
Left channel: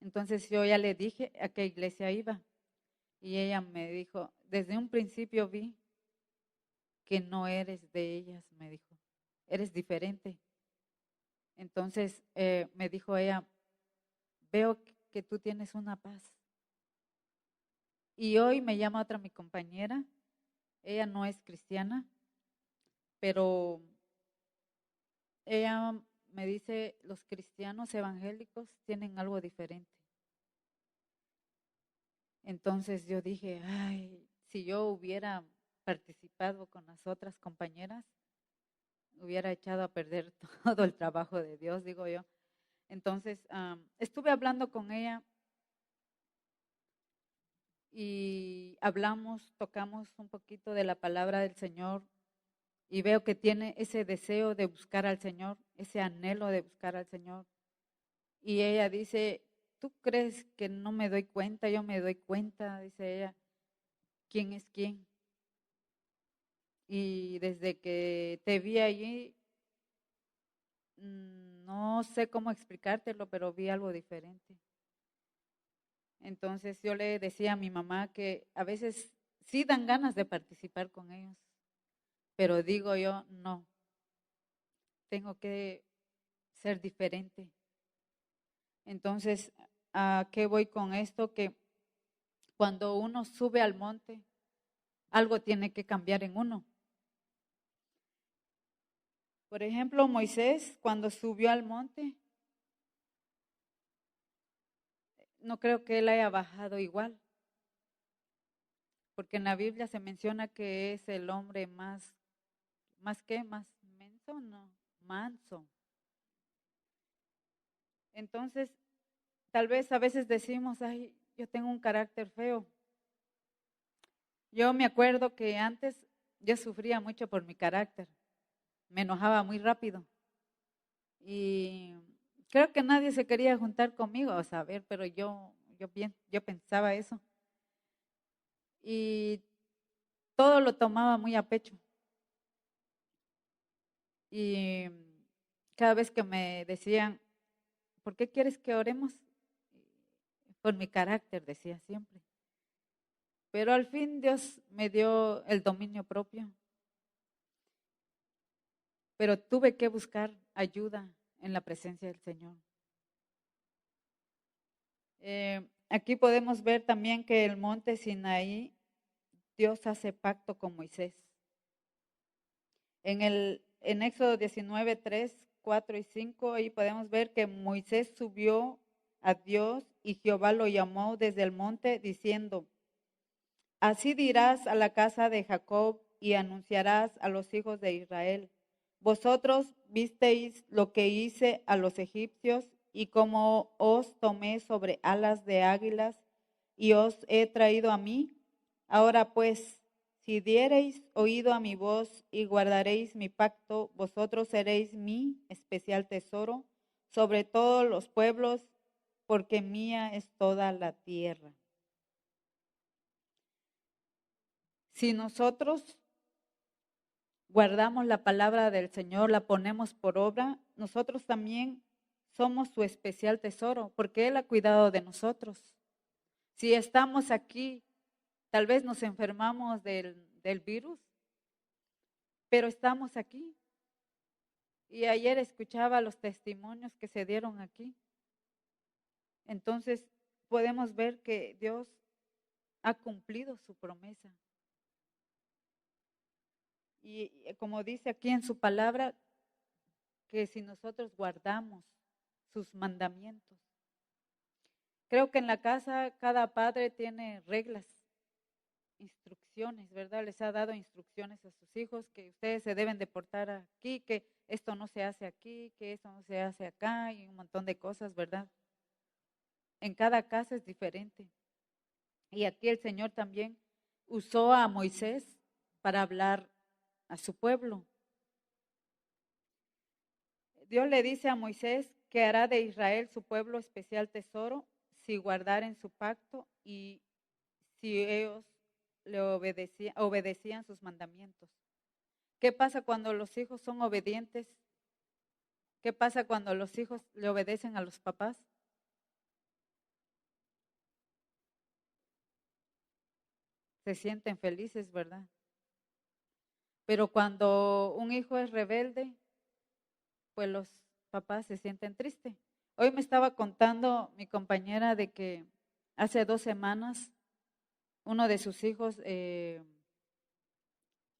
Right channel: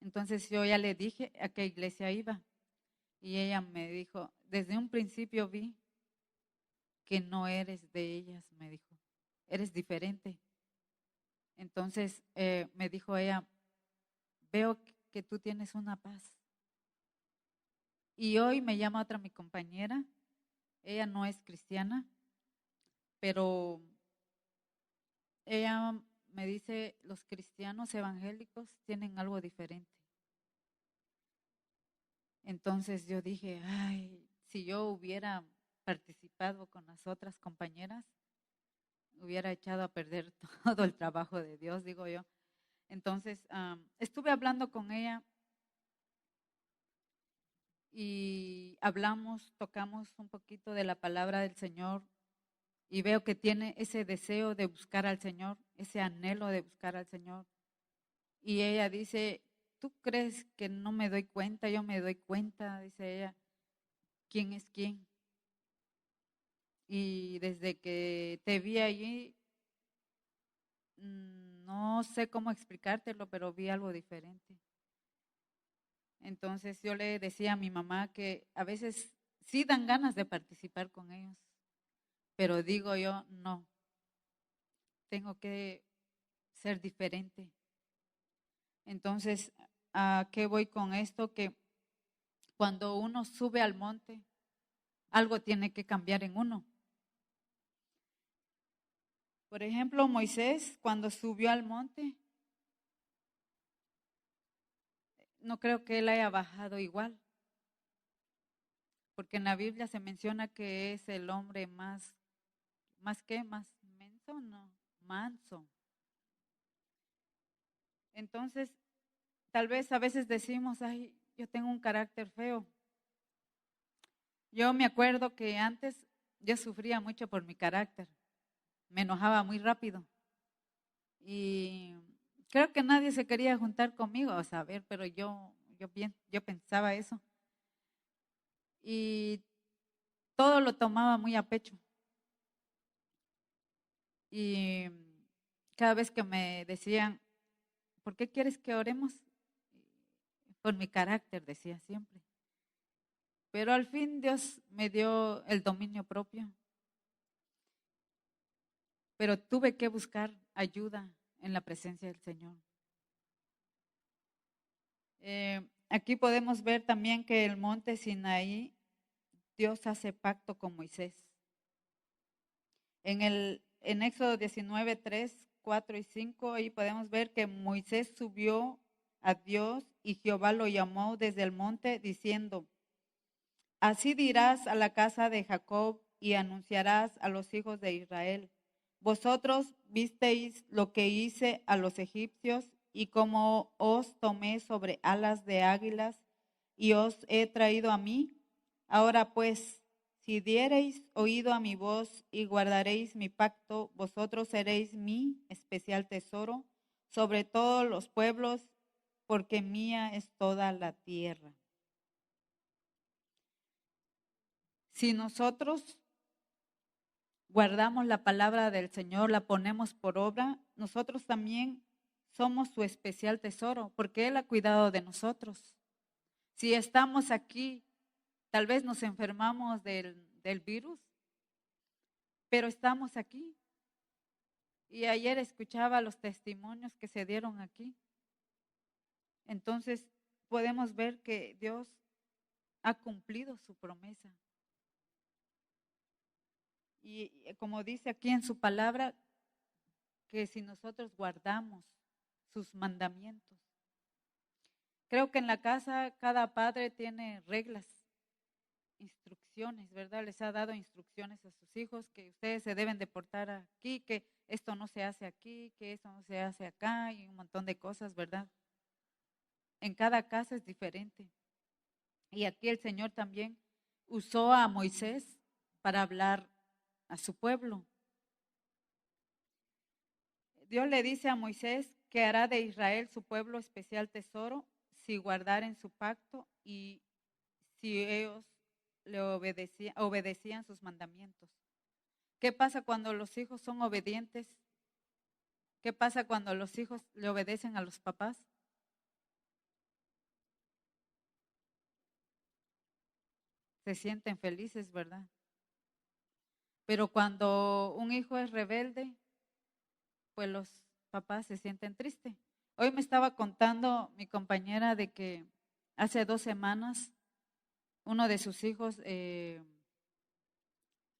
Entonces yo ya le dije a qué iglesia iba. Y ella me dijo, desde un principio vi que no eres de ellas, me dijo, eres diferente. Entonces me dijo ella, veo que tú tienes una paz. Y hoy me llama otra mi compañera, ella no es cristiana, pero ella me dice, los cristianos evangélicos tienen algo diferente. Entonces yo dije, ay, si yo hubiera participado con las otras compañeras, hubiera echado a perder todo el trabajo de Dios, digo yo. Entonces estuve hablando con ella y hablamos, tocamos un poquito de la palabra del Señor y veo que tiene ese deseo de buscar al Señor, ese anhelo de buscar al Señor. Y ella dice, ¿tú crees que no me doy cuenta? Yo me doy cuenta, dice ella, quién es quién. Y desde que te vi allí, no sé cómo explicártelo, pero vi algo diferente. Entonces yo le decía a mi mamá que a veces sí dan ganas de participar con ellos, pero digo yo, no, tengo que ser diferente. Entonces, ¿a qué voy con esto? Que cuando uno sube al monte, algo tiene que cambiar en uno. Por ejemplo, Moisés, cuando subió al monte, no creo que él haya bajado igual, porque en la Biblia se menciona que es el hombre más que, más menso, no, manso. Entonces, tal vez a veces decimos, ay, yo tengo un carácter feo. Yo me acuerdo que antes yo sufría mucho por mi carácter, me enojaba muy rápido y creo que nadie se quería juntar conmigo, a saber, pero yo pensaba eso y todo lo tomaba muy a pecho y cada vez que me decían, ¿por qué quieres que oremos? Por mi carácter, decía siempre. Pero al fin Dios me dio el dominio propio, pero tuve que buscar ayuda en la presencia del Señor. Aquí podemos ver también que el monte Sinaí, Dios hace pacto con Moisés. En el en Éxodo 19, 3, 4 y 5, ahí podemos ver que Moisés subió a Dios y Jehová lo llamó desde el monte diciendo, así dirás a la casa de Jacob y anunciarás a los hijos de Israel. Vosotros visteis lo que hice a los egipcios y cómo os tomé sobre alas de águilas y os he traído a mí. Ahora pues, si diereis oído a mi voz y guardaréis mi pacto, vosotros seréis mi especial tesoro sobre todos los pueblos, porque mía es toda la tierra. Si nosotros guardamos la palabra del Señor, la ponemos por obra, nosotros también somos su especial tesoro, porque Él ha cuidado de nosotros. Si estamos aquí, tal vez nos enfermamos del virus, pero estamos aquí. Y ayer escuchaba los testimonios que se dieron aquí. Entonces, podemos ver que Dios ha cumplido su promesa. Y como dice aquí en su palabra, que si nosotros guardamos sus mandamientos. Creo que en la casa cada padre tiene reglas, instrucciones, ¿verdad? Les ha dado instrucciones a sus hijos que ustedes se deben de portar aquí, que esto no se hace aquí, que esto no se hace acá y un montón de cosas, ¿verdad? En cada casa es diferente. Y aquí el Señor también usó a Moisés para hablar a su pueblo. Dios le dice a Moisés que hará de Israel su pueblo especial tesoro si guardaren su pacto y si ellos le obedecían sus mandamientos. ¿Qué pasa cuando los hijos son obedientes? ¿Qué pasa cuando los hijos le obedecen a los papás? Se sienten felices, ¿verdad? Pero cuando un hijo es rebelde, pues los papás se sienten tristes. Hoy me estaba contando mi compañera de que hace 2 semanas uno de sus hijos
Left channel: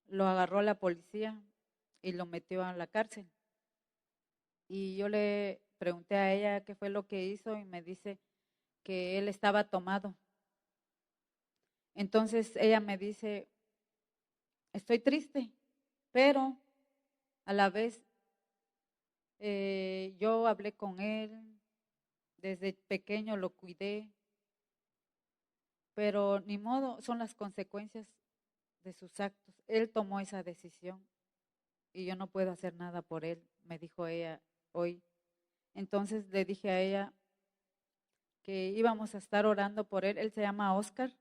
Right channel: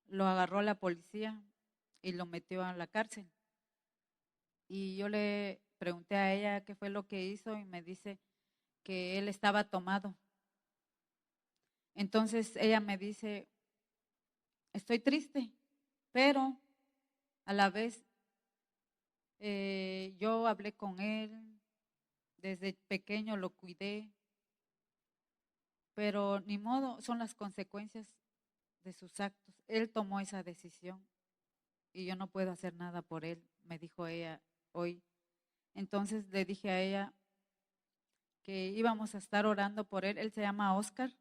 lo agarró la policía y lo metió a la cárcel. Y yo le pregunté a ella qué fue lo que hizo y me dice que él estaba tomado. Entonces ella me dice, estoy triste, pero a la vez yo hablé con él, desde pequeño lo cuidé, pero ni modo, son las consecuencias de sus actos. Él tomó esa decisión y yo no puedo hacer nada por él, me dijo ella hoy. Entonces le dije a ella que íbamos a estar orando por él. Él se llama Oscar.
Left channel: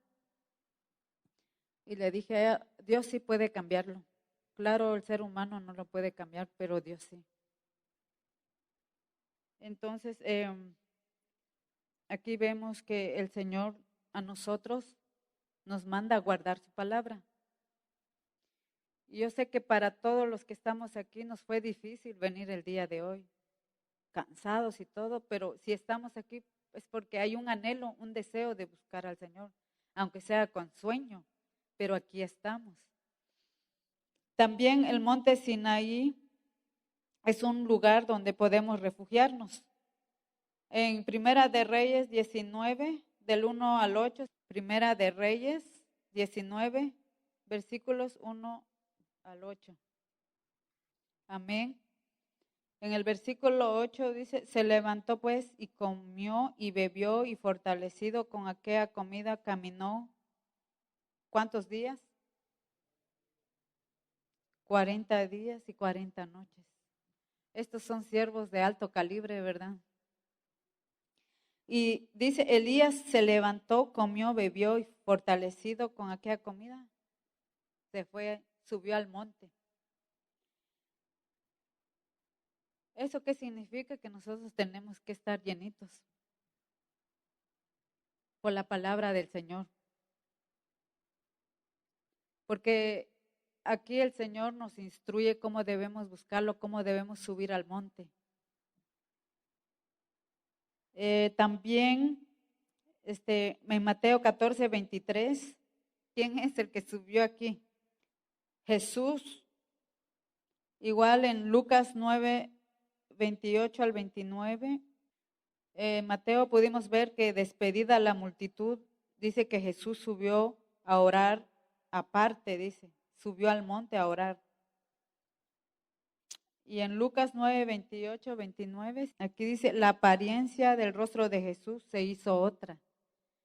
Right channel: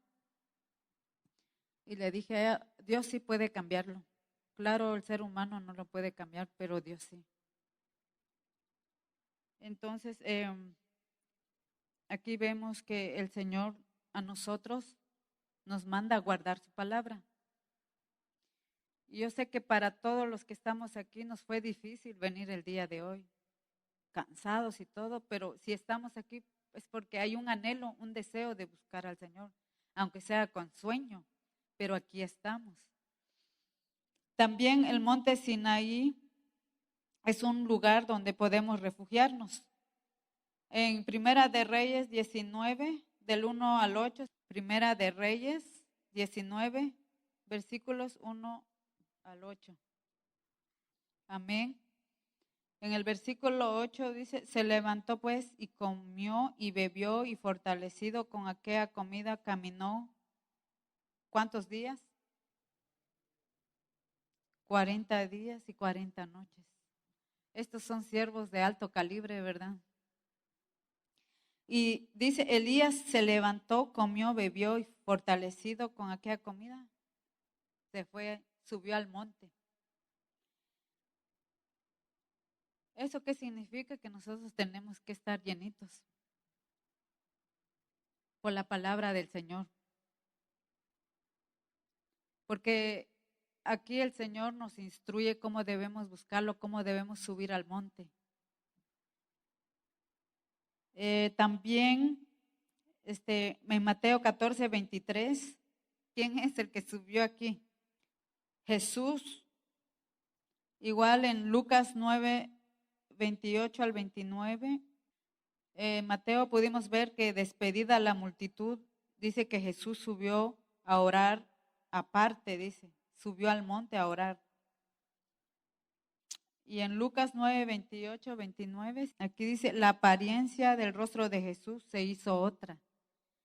Y le dije a ella, Dios sí puede cambiarlo. Claro, el ser humano no lo puede cambiar, pero Dios sí. Entonces, aquí vemos que el Señor a nosotros nos manda a guardar su palabra. Y yo sé que para todos los que estamos aquí nos fue difícil venir el día de hoy, cansados y todo, pero si estamos aquí es porque hay un anhelo, un deseo de buscar al Señor, aunque sea con sueño, pero aquí estamos. También el monte Sinaí es un lugar donde podemos refugiarnos. En Primera de Reyes 19, del 1 al 8, Primera de Reyes 19, versículos 1 al 8. Amén. En el versículo 8 dice, se levantó pues y comió y bebió y fortalecido con aquella comida caminó. ¿Cuántos días? 40 días y 40 noches. Estos son siervos de alto calibre, ¿verdad? Y dice, Elías se levantó, comió, bebió y fortalecido con aquella comida, se fue, subió al monte. ¿Eso qué significa? Que nosotros tenemos que estar llenitos por la palabra del Señor. Porque aquí el Señor nos instruye cómo debemos buscarlo, cómo debemos subir al monte. También en Mateo 14, 23, ¿quién es el que subió aquí? Jesús. Igual en Lucas 9, 28 al 29, Mateo pudimos ver que despedida la multitud, dice que Jesús subió a orar aparte, dice, subió al monte a orar. Y en Lucas 9, 28, 29, aquí dice, la apariencia del rostro de Jesús se hizo otra.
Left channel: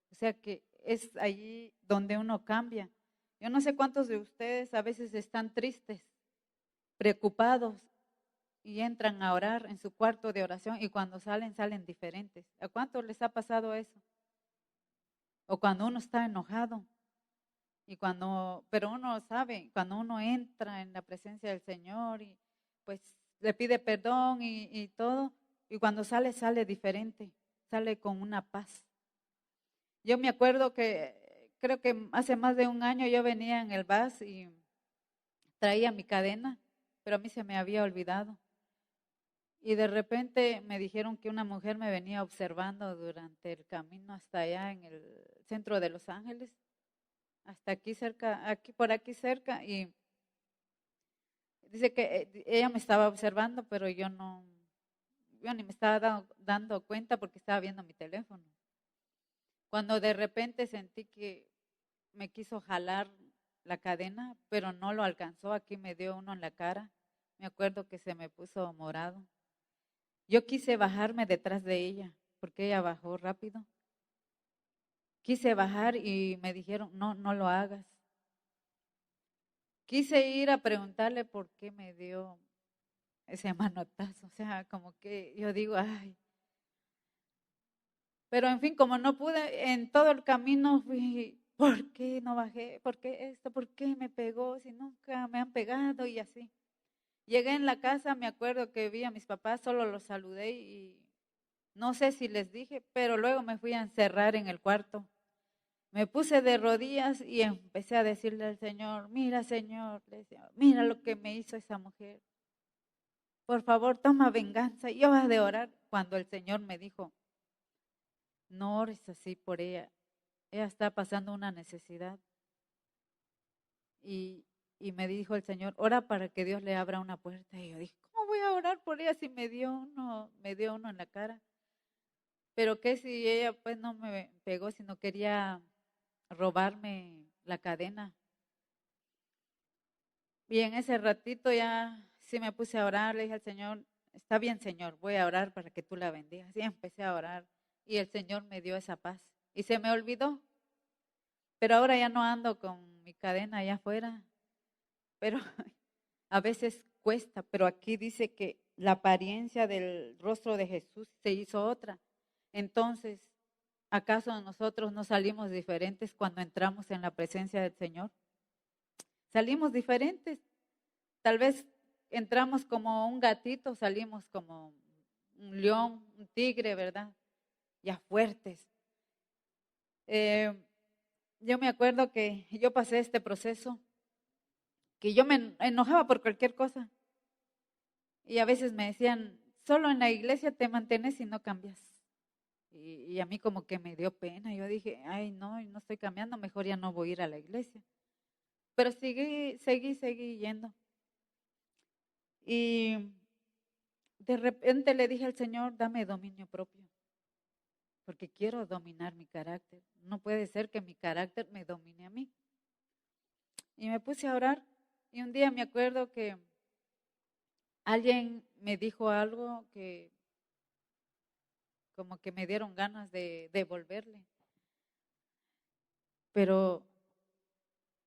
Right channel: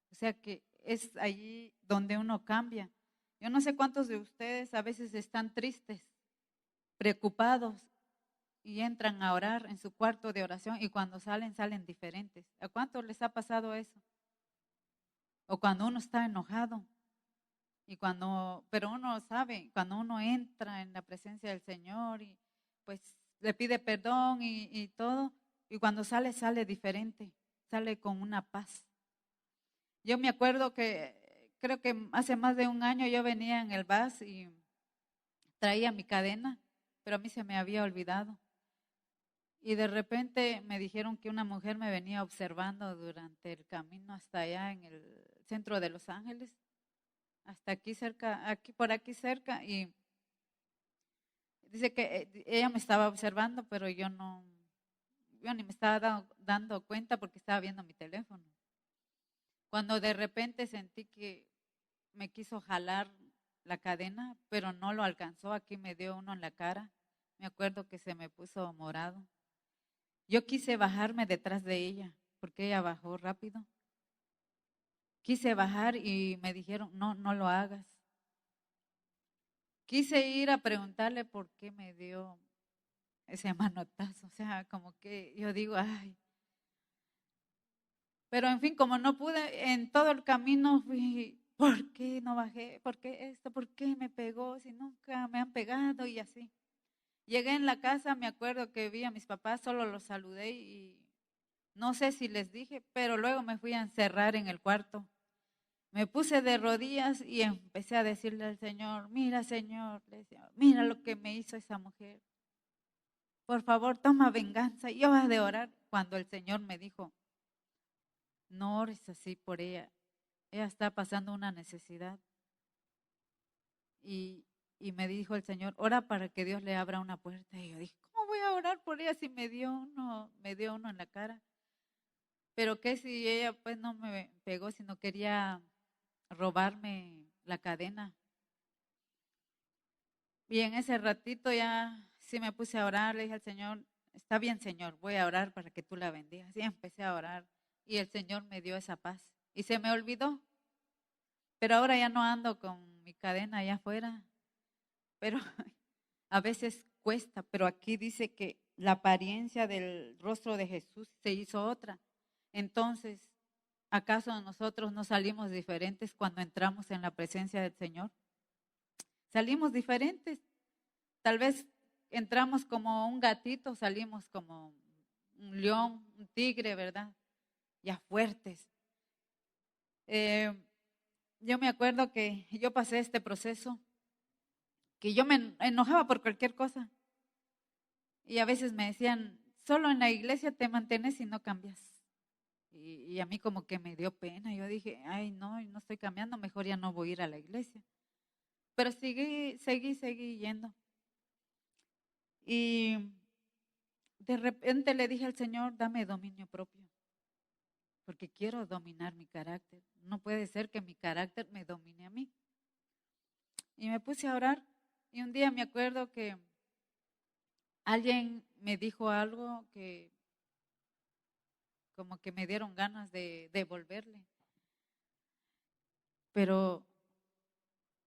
O sea que es allí donde uno cambia. Yo no sé cuántos de ustedes a veces están tristes, preocupados y entran a orar en su cuarto de oración y cuando salen, salen diferentes. ¿A cuántos les ha pasado eso? O cuando uno está enojado y pero uno sabe, cuando uno entra en la presencia del Señor y pues le pide perdón y todo, y cuando sale, sale diferente, sale con una paz. Yo me acuerdo que creo que hace más de un año yo venía en el bus y traía mi cadena, pero a mí se me había olvidado. Y de repente me dijeron que una mujer me venía observando durante el camino hasta allá en el centro de Los Ángeles, hasta aquí cerca, por aquí cerca, y dice que ella me estaba observando, pero yo ni me estaba dando cuenta porque estaba viendo mi teléfono. Cuando de repente sentí que me quiso jalar la cadena, pero no lo alcanzó, aquí me dio uno en la cara, me acuerdo que se me puso morado. Yo quise bajarme detrás de ella, porque ella bajó rápido. Quise bajar y me dijeron, no, no lo hagas. Quise ir a preguntarle por qué me dio ese manotazo, o sea, como que yo digo, ay. Pero en fin, como no pude, en todo el camino fui, ¿por qué no bajé? ¿Por qué esto? ¿Por qué me pegó? Si nunca me han pegado y así. Llegué en la casa, me acuerdo que vi a mis papás, solo los saludé y no sé si les dije, pero luego me fui a encerrar en el cuarto. Me puse de rodillas y empecé a decirle al Señor, mira Señor, le decía, mira lo que me hizo esa mujer. Por favor, toma venganza. Y yo voy a orar cuando el Señor me dijo, no ores así por ella. Ella está pasando una necesidad. Y me dijo el Señor, ora para que Dios le abra una puerta. Y yo dije, ¿cómo voy a orar por ella si me dio uno en la cara? Pero qué si ella pues no me pegó, sino quería robarme la cadena. Y en ese ratito ya sí me puse a orar, le dije al Señor, está bien Señor, voy a orar para que tú la bendigas. Y empecé a orar y el Señor me dio esa paz. Y se me olvidó, pero ahora ya no ando con mi cadena allá afuera, pero a veces cuesta, pero aquí dice que la apariencia del rostro de Jesús se hizo otra. Entonces, ¿acaso nosotros no salimos diferentes cuando entramos en la presencia del Señor? Salimos diferentes. Tal vez entramos como un gatito, salimos como un león, un tigre, ¿verdad? Ya fuertes. Yo me acuerdo que yo pasé este proceso, que yo me enojaba por cualquier cosa. Y a veces me decían, solo en la iglesia te mantienes y no cambias. Y a mí como que me dio pena. Yo dije, ay, no estoy cambiando, mejor ya no voy a ir a la iglesia. Pero seguí yendo. Y de repente le dije al Señor, dame dominio propio, porque quiero dominar mi carácter. No puede ser que mi carácter me domine a mí. Y me puse a orar y un día me acuerdo que alguien me dijo algo que como que me dieron ganas de devolverle. Pero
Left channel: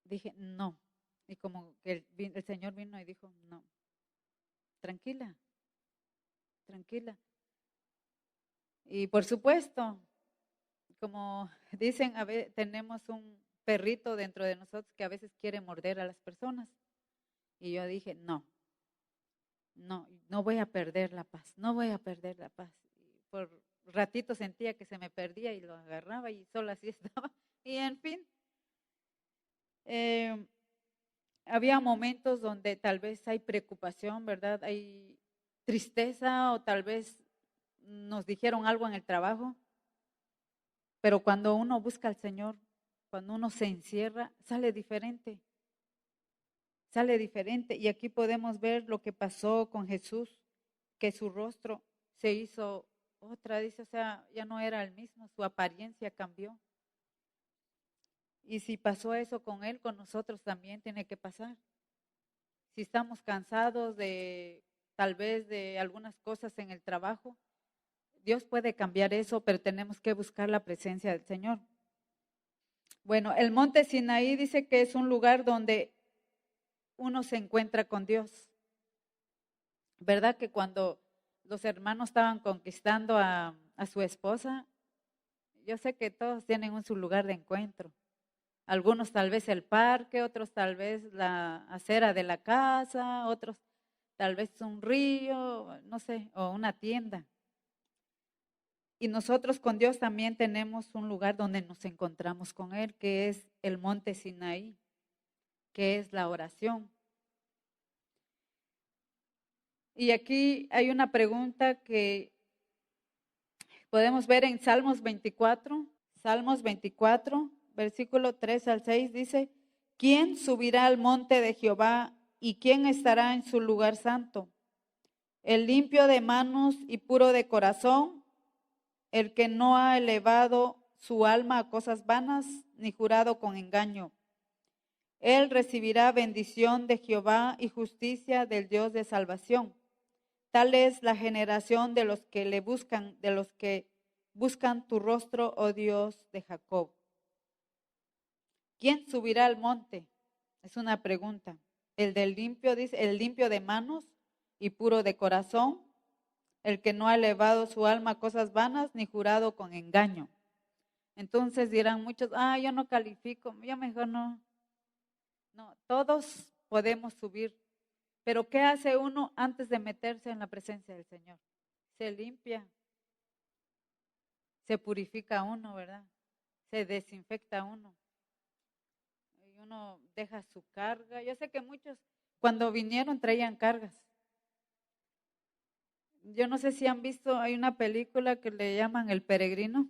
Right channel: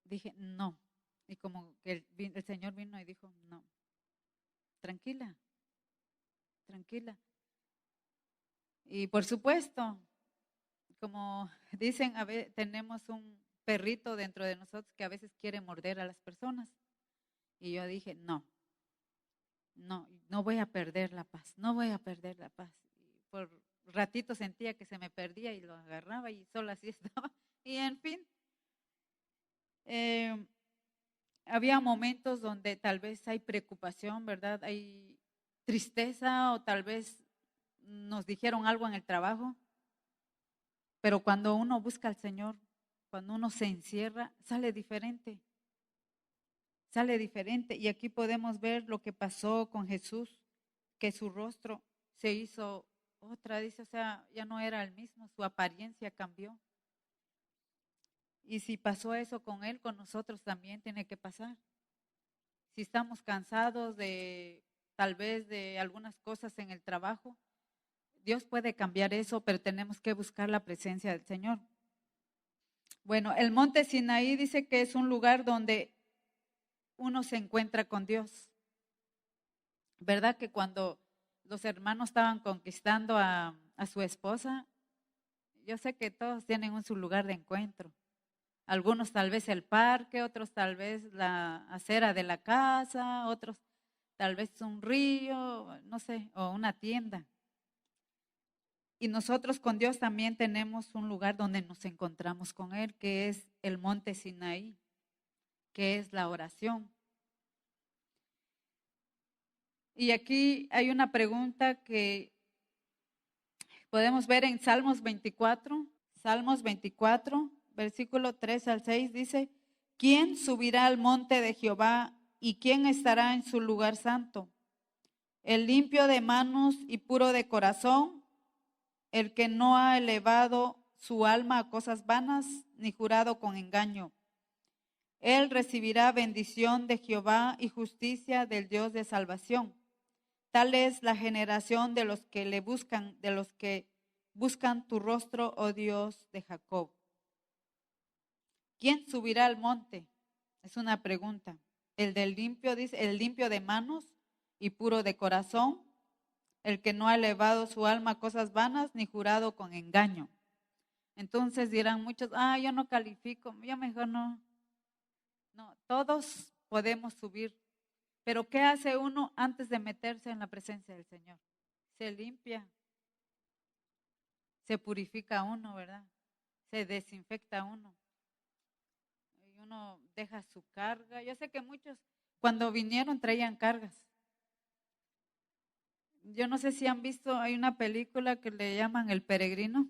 dije, no. Y como que el Señor vino y dijo, no, tranquila, tranquila. Y por supuesto, como dicen, a veces tenemos un perrito dentro de nosotros que a veces quiere morder a las personas. Y yo dije, no voy a perder la paz, no voy a perder la paz. Y por ratito sentía que se me perdía y lo agarraba y solo así estaba. Y en fin, eh, había momentos donde tal vez hay preocupación, ¿verdad? Hay tristeza o tal vez nos dijeron algo en el trabajo, pero cuando uno busca al Señor, cuando uno se encierra, sale diferente. sale diferente. Y aquí podemos ver lo que pasó con Jesús, que su rostro se hizo otra, dice, o sea, ya no era el mismo, su apariencia cambió. Y si pasó eso con él, con nosotros también tiene que pasar. Si estamos cansados de tal vez de algunas cosas en el trabajo, Dios puede cambiar eso, pero tenemos que buscar la presencia del Señor. Bueno, el monte Sinaí dice que es un lugar donde uno se encuentra con Dios. ¿Verdad que cuando los hermanos estaban conquistando a su esposa, yo sé que todos tienen su lugar de encuentro? Algunos tal vez el parque, otros tal vez la acera de la casa, otros tal vez un río, no sé, o una tienda. Y nosotros con Dios también tenemos un lugar donde nos encontramos con Él, que es el monte Sinaí, que es la oración. Y aquí hay una pregunta que podemos ver en Salmos 24. Salmos 24, versículo 3 al 6 dice, ¿quién subirá al monte de Jehová y quién estará en su lugar santo? El limpio de manos y puro de corazón, el que no ha elevado su alma a cosas vanas ni jurado con engaño. Él recibirá bendición de Jehová y justicia del Dios de salvación. Tal es la generación de los que le buscan, de los que buscan tu rostro, oh Dios de Jacob. ¿Quién subirá al monte? Es una pregunta. El del limpio, dice, el limpio de manos y puro de corazón, el que no ha elevado su alma a cosas vanas ni jurado con engaño. Entonces dirán muchos, yo no califico, yo mejor no. No, todos podemos subir. Pero ¿qué hace uno antes de meterse en la presencia del Señor? Se limpia, se purifica uno, ¿verdad? Se desinfecta uno. Y uno deja su carga. Yo sé que muchos cuando vinieron traían cargas. Yo no sé si han visto, hay una película que le llaman El Peregrino.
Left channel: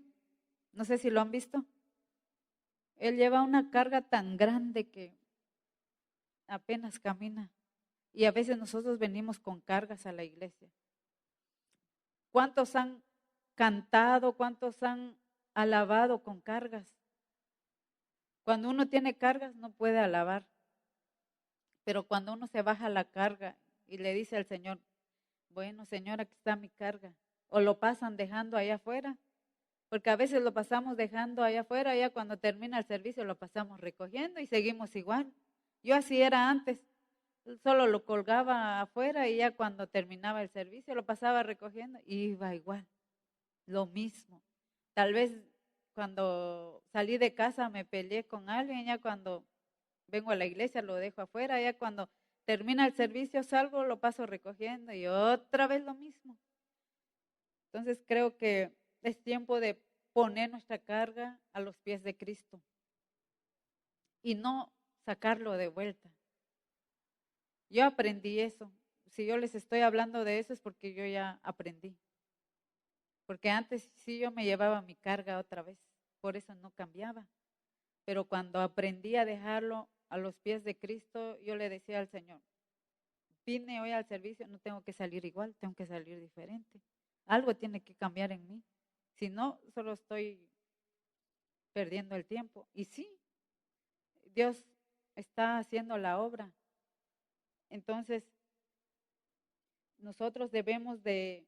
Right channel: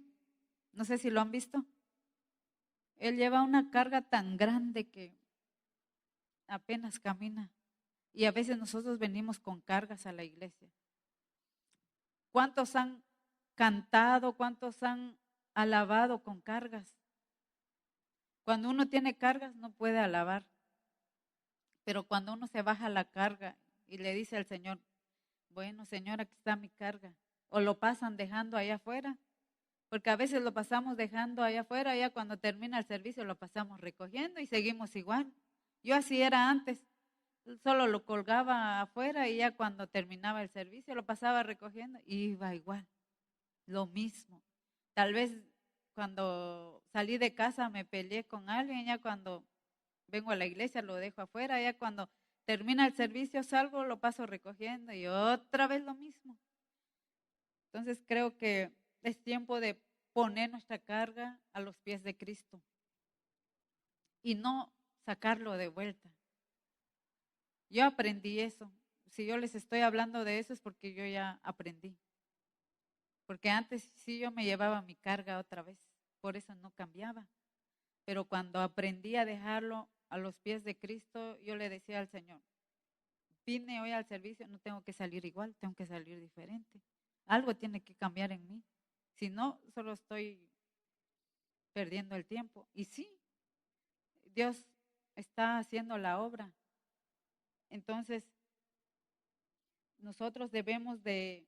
No sé si lo han visto. Él lleva una carga tan grande que apenas camina. Y a veces nosotros venimos con cargas a la iglesia. ¿Cuántos han cantado? ¿Cuántos han alabado con cargas? Cuando uno tiene cargas no puede alabar. Pero cuando uno se baja la carga y le dice al Señor, bueno, Señor, aquí está mi carga. O lo pasan dejando allá afuera. Porque a veces lo pasamos dejando allá afuera, ya cuando termina el servicio lo pasamos recogiendo y seguimos igual. Yo así era antes. Solo lo colgaba afuera y ya cuando terminaba el servicio lo pasaba recogiendo y iba igual, lo mismo. Tal vez cuando salí de casa me peleé con alguien, ya cuando vengo a la iglesia lo dejo afuera, ya cuando termina el servicio salgo, lo paso recogiendo y otra vez lo mismo. Entonces creo que es tiempo de poner nuestra carga a los pies de Cristo y no sacarlo de vuelta. Yo aprendí eso. Si yo les estoy hablando de eso es porque yo ya aprendí. Porque antes sí yo me llevaba mi carga otra vez, por eso no cambiaba. Pero cuando aprendí a dejarlo a los pies de Cristo, yo le decía al Señor, vine hoy al servicio, no tengo que salir igual, tengo que salir diferente. Algo tiene que cambiar en mí. Si no, solo estoy perdiendo el tiempo. Y sí, Dios está haciendo la obra. Entonces, nosotros debemos de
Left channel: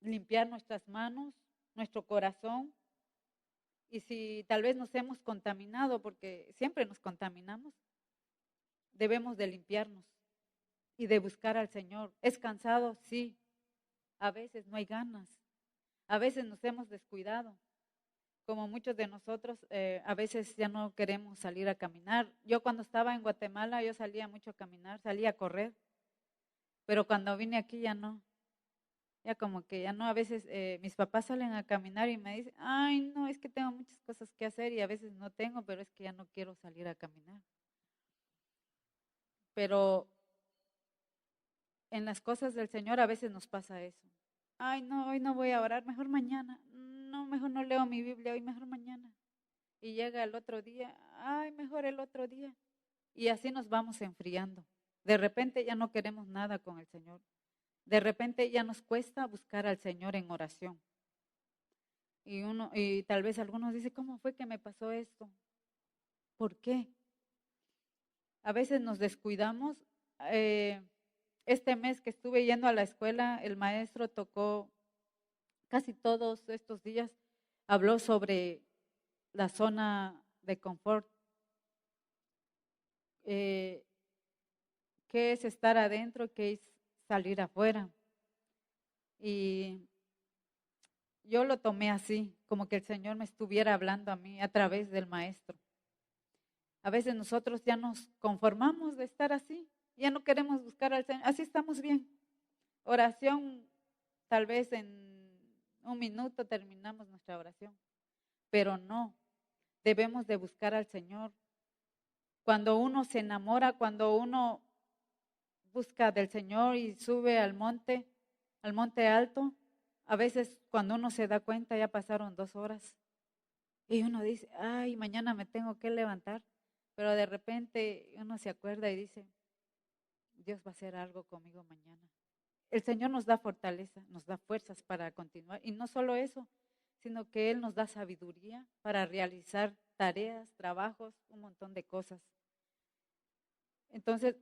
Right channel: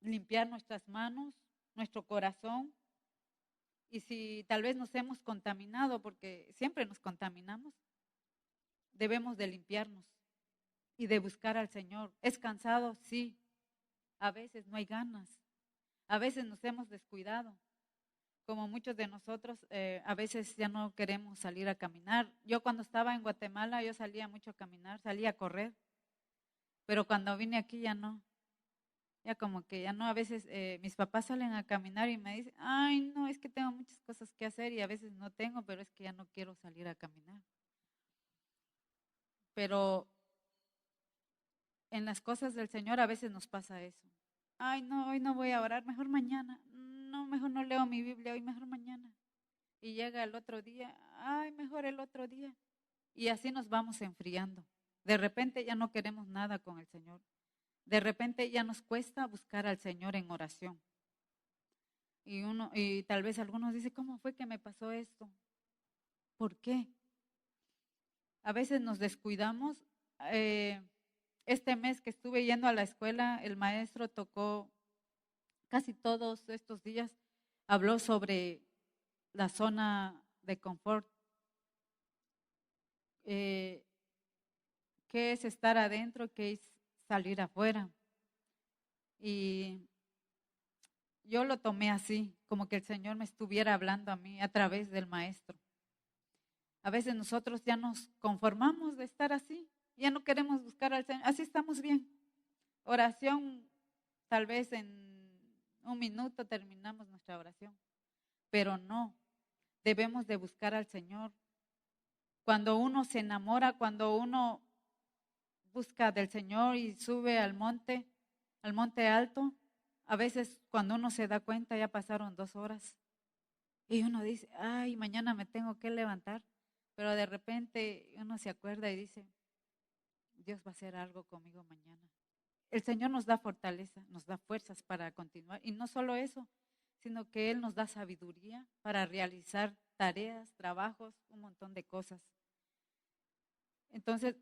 limpiar nuestras manos, nuestro corazón, y si tal vez nos hemos contaminado, porque siempre nos contaminamos, debemos de limpiarnos y de buscar al Señor. ¿Es cansado? Sí. A veces no hay ganas. A veces nos hemos descuidado. Como muchos de nosotros, a veces ya no queremos salir a caminar. Yo cuando estaba en Guatemala, yo salía mucho a caminar, salía a correr. Pero cuando vine aquí ya no. Ya como que ya no, a veces mis papás salen a caminar y me dicen, ay, no, es que tengo muchas cosas que hacer y a veces no tengo, pero es que ya no quiero salir a caminar. Pero en las cosas del Señor a veces nos pasa eso. Ay, no, hoy no voy a orar, mejor mañana. No, mejor no leo mi Biblia, hoy mejor mañana. Y llega el otro día, ay, mejor el otro día. Y así nos vamos enfriando. De repente ya no queremos nada con el Señor. De repente ya nos cuesta buscar al Señor en oración. Y tal vez algunos dicen, ¿cómo fue que me pasó esto? ¿Por qué? A veces nos descuidamos. Este mes que estuve yendo a la escuela, el maestro tocó casi todos estos días, habló sobre la zona de confort. ¿Qué es estar adentro? ¿Qué es salir afuera? Y yo lo tomé así, como que el Señor me estuviera hablando a mí a través del maestro. A veces nosotros ya nos conformamos de estar así, ya no queremos buscar al Señor, así estamos bien. Oración, tal vez en un minuto terminamos nuestra oración, pero no, debemos de buscar al Señor. Cuando uno se enamora, cuando uno busca del Señor y sube al monte alto, a veces cuando uno se da cuenta ya pasaron 2 horas y uno dice, ay, mañana me tengo que levantar, pero de repente uno se acuerda y dice, Dios va a hacer algo conmigo mañana. El Señor nos da fortaleza, nos da fuerzas para continuar y no solo eso, sino que Él nos da sabiduría para realizar tareas, trabajos, un montón de cosas. Entonces,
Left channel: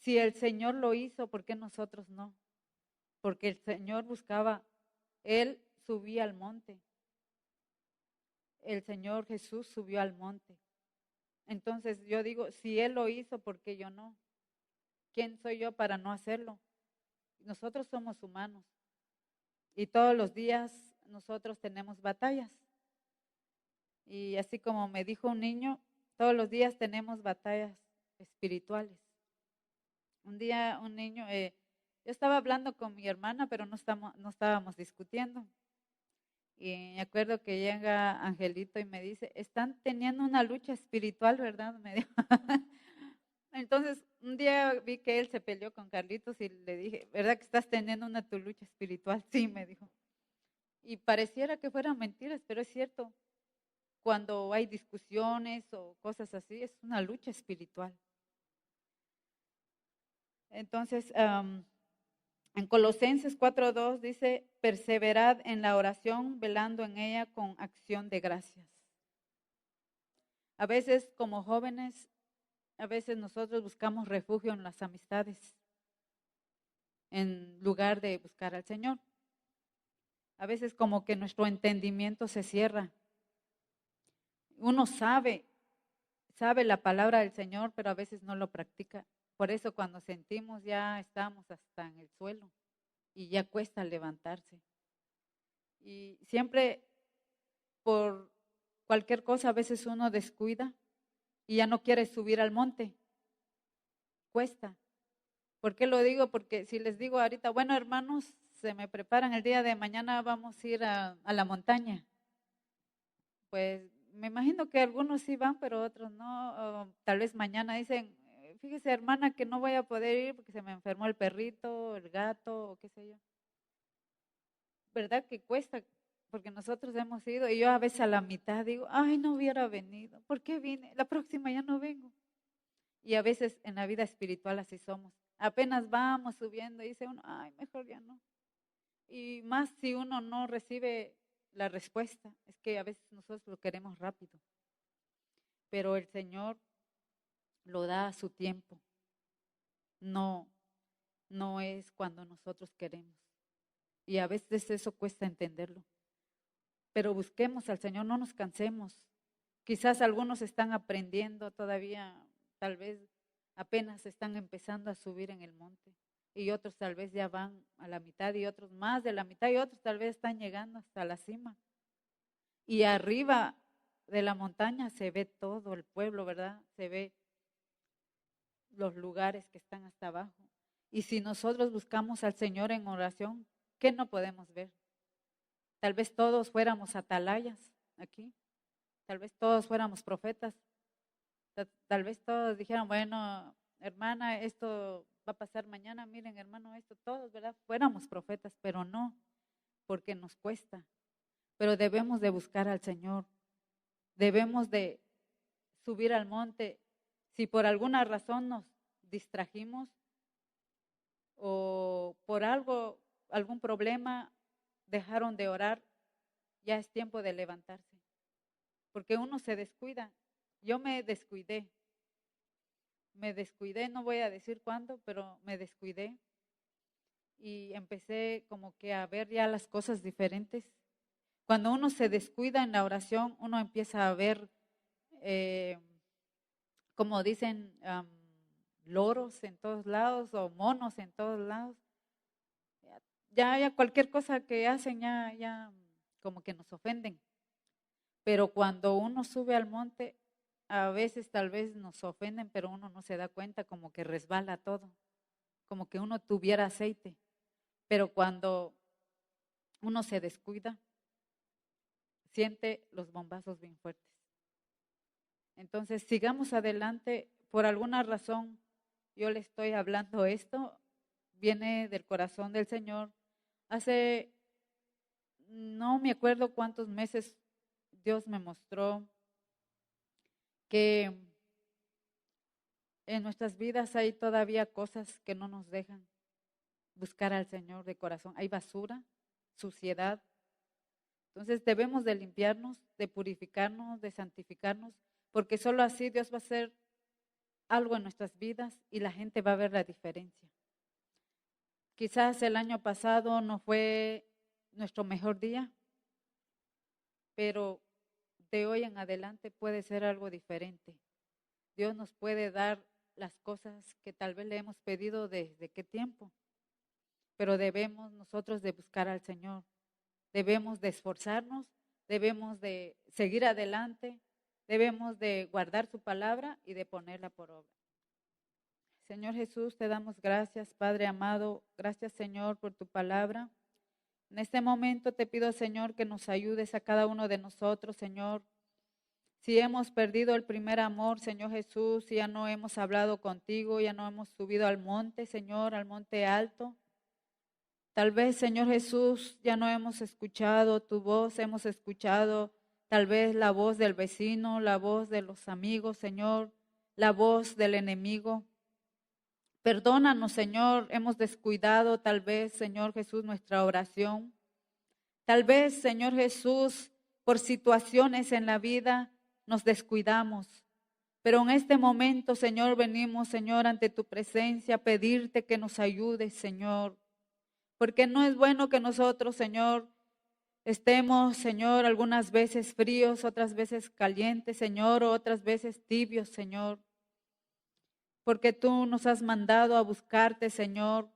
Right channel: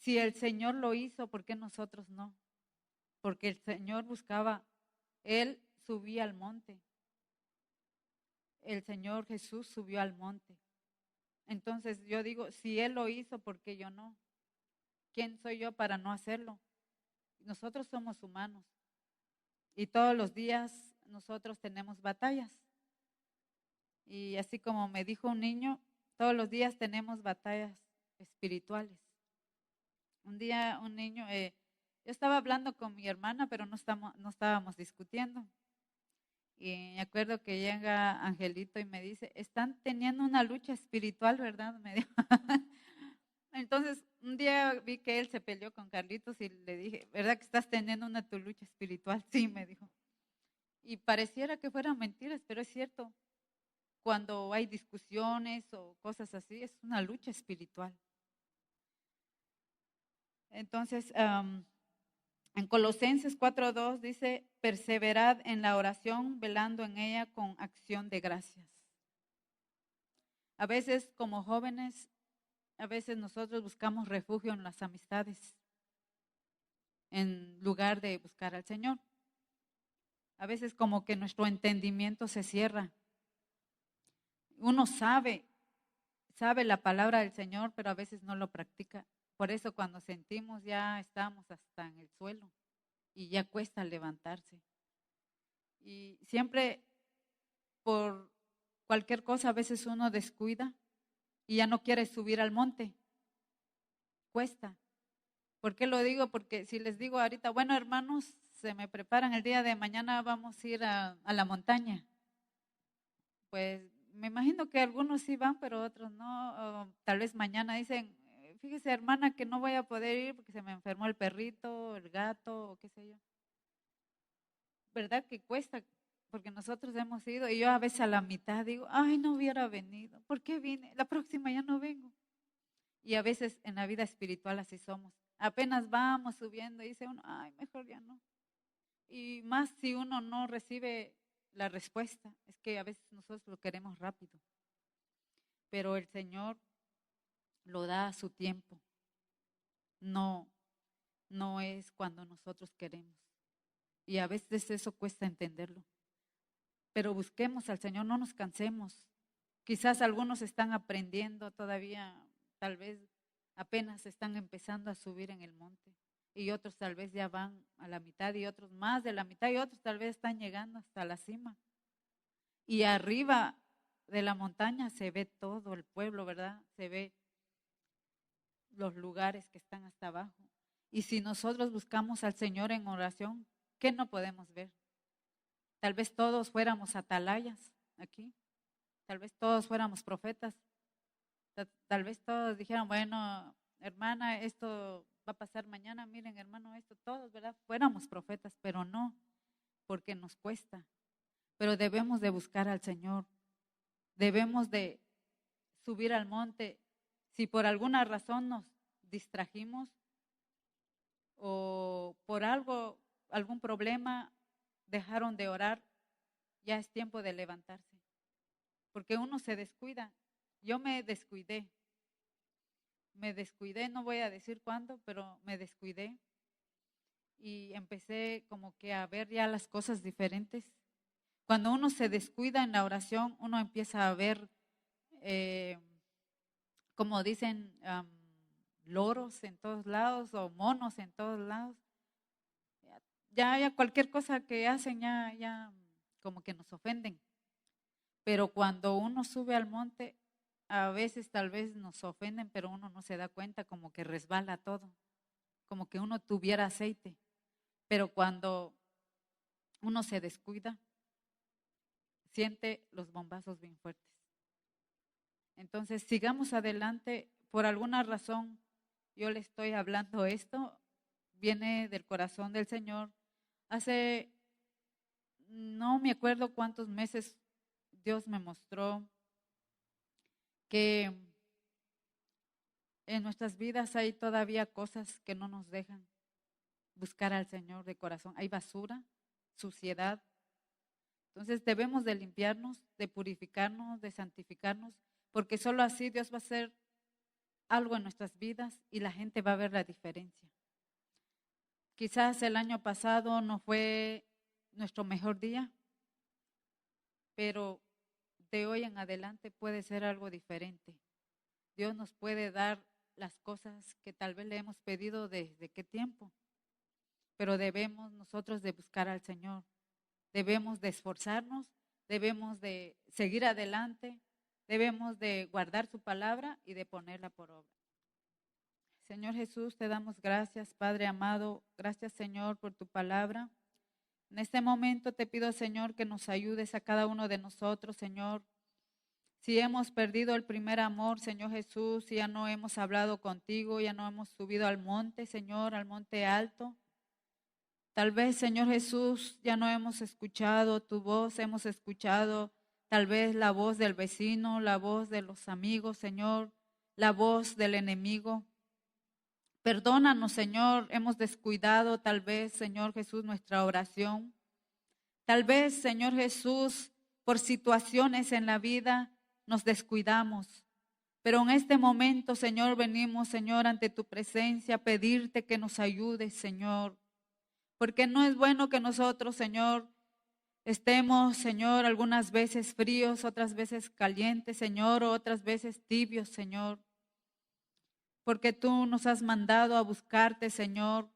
si el Señor lo hizo, ¿por qué nosotros no? Porque el Señor buscaba, Él subía al monte. El Señor Jesús subió al monte. Entonces yo digo, si Él lo hizo, ¿por qué yo no? ¿Quién soy yo para no hacerlo? Nosotros somos humanos y todos los días nosotros tenemos batallas. Y así como me dijo un niño, todos los días tenemos batallas espirituales. Un día un niño, yo estaba hablando con mi hermana, pero no estábamos discutiendo. Y me acuerdo que llega Angelito y me dice, están teniendo una lucha espiritual, ¿verdad? Me dijo. Entonces, un día vi que él se peleó con Carlitos y le dije, ¿verdad que estás teniendo tu lucha espiritual? Sí, me dijo. Y pareciera que fueran mentiras, pero es cierto. Cuando hay discusiones o cosas así, es una lucha espiritual. Entonces, en Colosenses 4:2 dice, perseverad en la oración, velando en ella con acción de gracias. A veces como jóvenes, a veces nosotros buscamos refugio en las amistades, en lugar de buscar al Señor. A veces como que nuestro entendimiento se cierra. Uno sabe la palabra del Señor, pero a veces no lo practica. Por eso cuando sentimos ya estamos hasta en el suelo y ya cuesta levantarse. Y siempre por cualquier cosa a veces uno descuida y ya no quiere subir al monte. Cuesta. ¿Por qué lo digo? Porque si les digo ahorita, bueno hermanos, se me preparan el día de mañana, vamos a ir a la montaña. Pues me imagino que algunos sí van, pero otros no. O tal vez mañana dicen, fíjese hermana que no voy a poder ir porque se me enfermó el perrito, el gato o qué sé yo. ¿Verdad que cuesta? Porque nosotros hemos ido y yo a veces a la mitad digo, ay, no hubiera venido. ¿Por qué vine? La próxima ya no vengo. Y a veces en la vida espiritual así somos. Apenas vamos subiendo y dice uno, ay, mejor ya no. Y más si uno no recibe la respuesta, es que a veces nosotros lo queremos rápido. Pero el Señor lo da a su tiempo. No, no es cuando nosotros queremos. Y a veces eso cuesta entenderlo. Pero busquemos al Señor, no nos cansemos. Quizás algunos están aprendiendo todavía, tal vez apenas están empezando a subir en el monte. Y otros tal vez ya van a la mitad y otros más de la mitad y otros tal vez están llegando hasta la cima. Y arriba de la montaña se ve todo el pueblo, ¿verdad? Se ve los lugares que están hasta abajo. Y si nosotros buscamos al Señor en oración, ¿qué no podemos ver? Tal vez todos fuéramos atalayas aquí, tal vez todos fuéramos profetas, tal vez todos dijeran, bueno, hermana, esto va a pasar mañana, miren, hermano, esto, todos, ¿verdad? Fuéramos profetas, pero no, porque nos cuesta. Pero debemos de buscar al Señor, debemos de subir al monte. Si por alguna razón nos distrajimos o por algo, algún problema, dejaron de orar, ya es tiempo de levantarse. Porque uno se descuida. Yo me descuidé, no voy a decir cuándo, pero me descuidé y empecé como que a ver ya las cosas diferentes. Cuando uno se descuida en la oración, uno empieza a ver, eh, como dicen, loros en todos lados o monos en todos lados. Ya cualquier cosa que hacen ya como que nos ofenden. Pero cuando uno sube al monte, a veces tal vez nos ofenden, pero uno no se da cuenta, como que resbala todo, como que uno tuviera aceite. Pero cuando uno se descuida, siente los bombazos bien fuertes. Entonces, sigamos adelante. Por alguna razón, yo le estoy hablando esto, viene del corazón del Señor. Hace, no me acuerdo cuántos meses, Dios me mostró que en nuestras vidas hay todavía cosas que no nos dejan buscar al Señor de corazón. Hay basura, suciedad. Entonces debemos de limpiarnos, de purificarnos, de santificarnos, porque solo así Dios va a hacer algo en nuestras vidas y la gente va a ver la diferencia. Quizás el año pasado no fue nuestro mejor día, pero de hoy en adelante puede ser algo diferente. Dios nos puede dar las cosas que tal vez le hemos pedido desde qué tiempo, pero debemos nosotros de buscar al Señor, debemos de esforzarnos, debemos de seguir adelante, debemos de guardar su palabra y de ponerla por obra. Señor Jesús, te damos gracias, Padre amado, gracias Señor por tu palabra. En este momento te pido, Señor, que nos ayudes a cada uno de nosotros, Señor. Si hemos perdido el primer amor, Señor Jesús, si ya no hemos hablado contigo, ya no hemos subido al monte, Señor, al monte alto. Tal vez, Señor Jesús, ya no hemos escuchado tu voz, hemos escuchado tal vez la voz del vecino, la voz de los amigos, Señor, la voz del enemigo. Perdónanos, Señor, hemos descuidado tal vez, Señor Jesús, nuestra oración. Tal vez, Señor Jesús, por situaciones en la vida nos descuidamos. Pero en este momento, Señor, venimos, Señor, ante tu presencia a pedirte que nos ayudes, Señor. Porque no es bueno que nosotros, Señor, estemos, Señor, algunas veces fríos, otras veces calientes, Señor, o otras veces tibios, Señor. Porque tú nos has mandado a buscarte, Señor,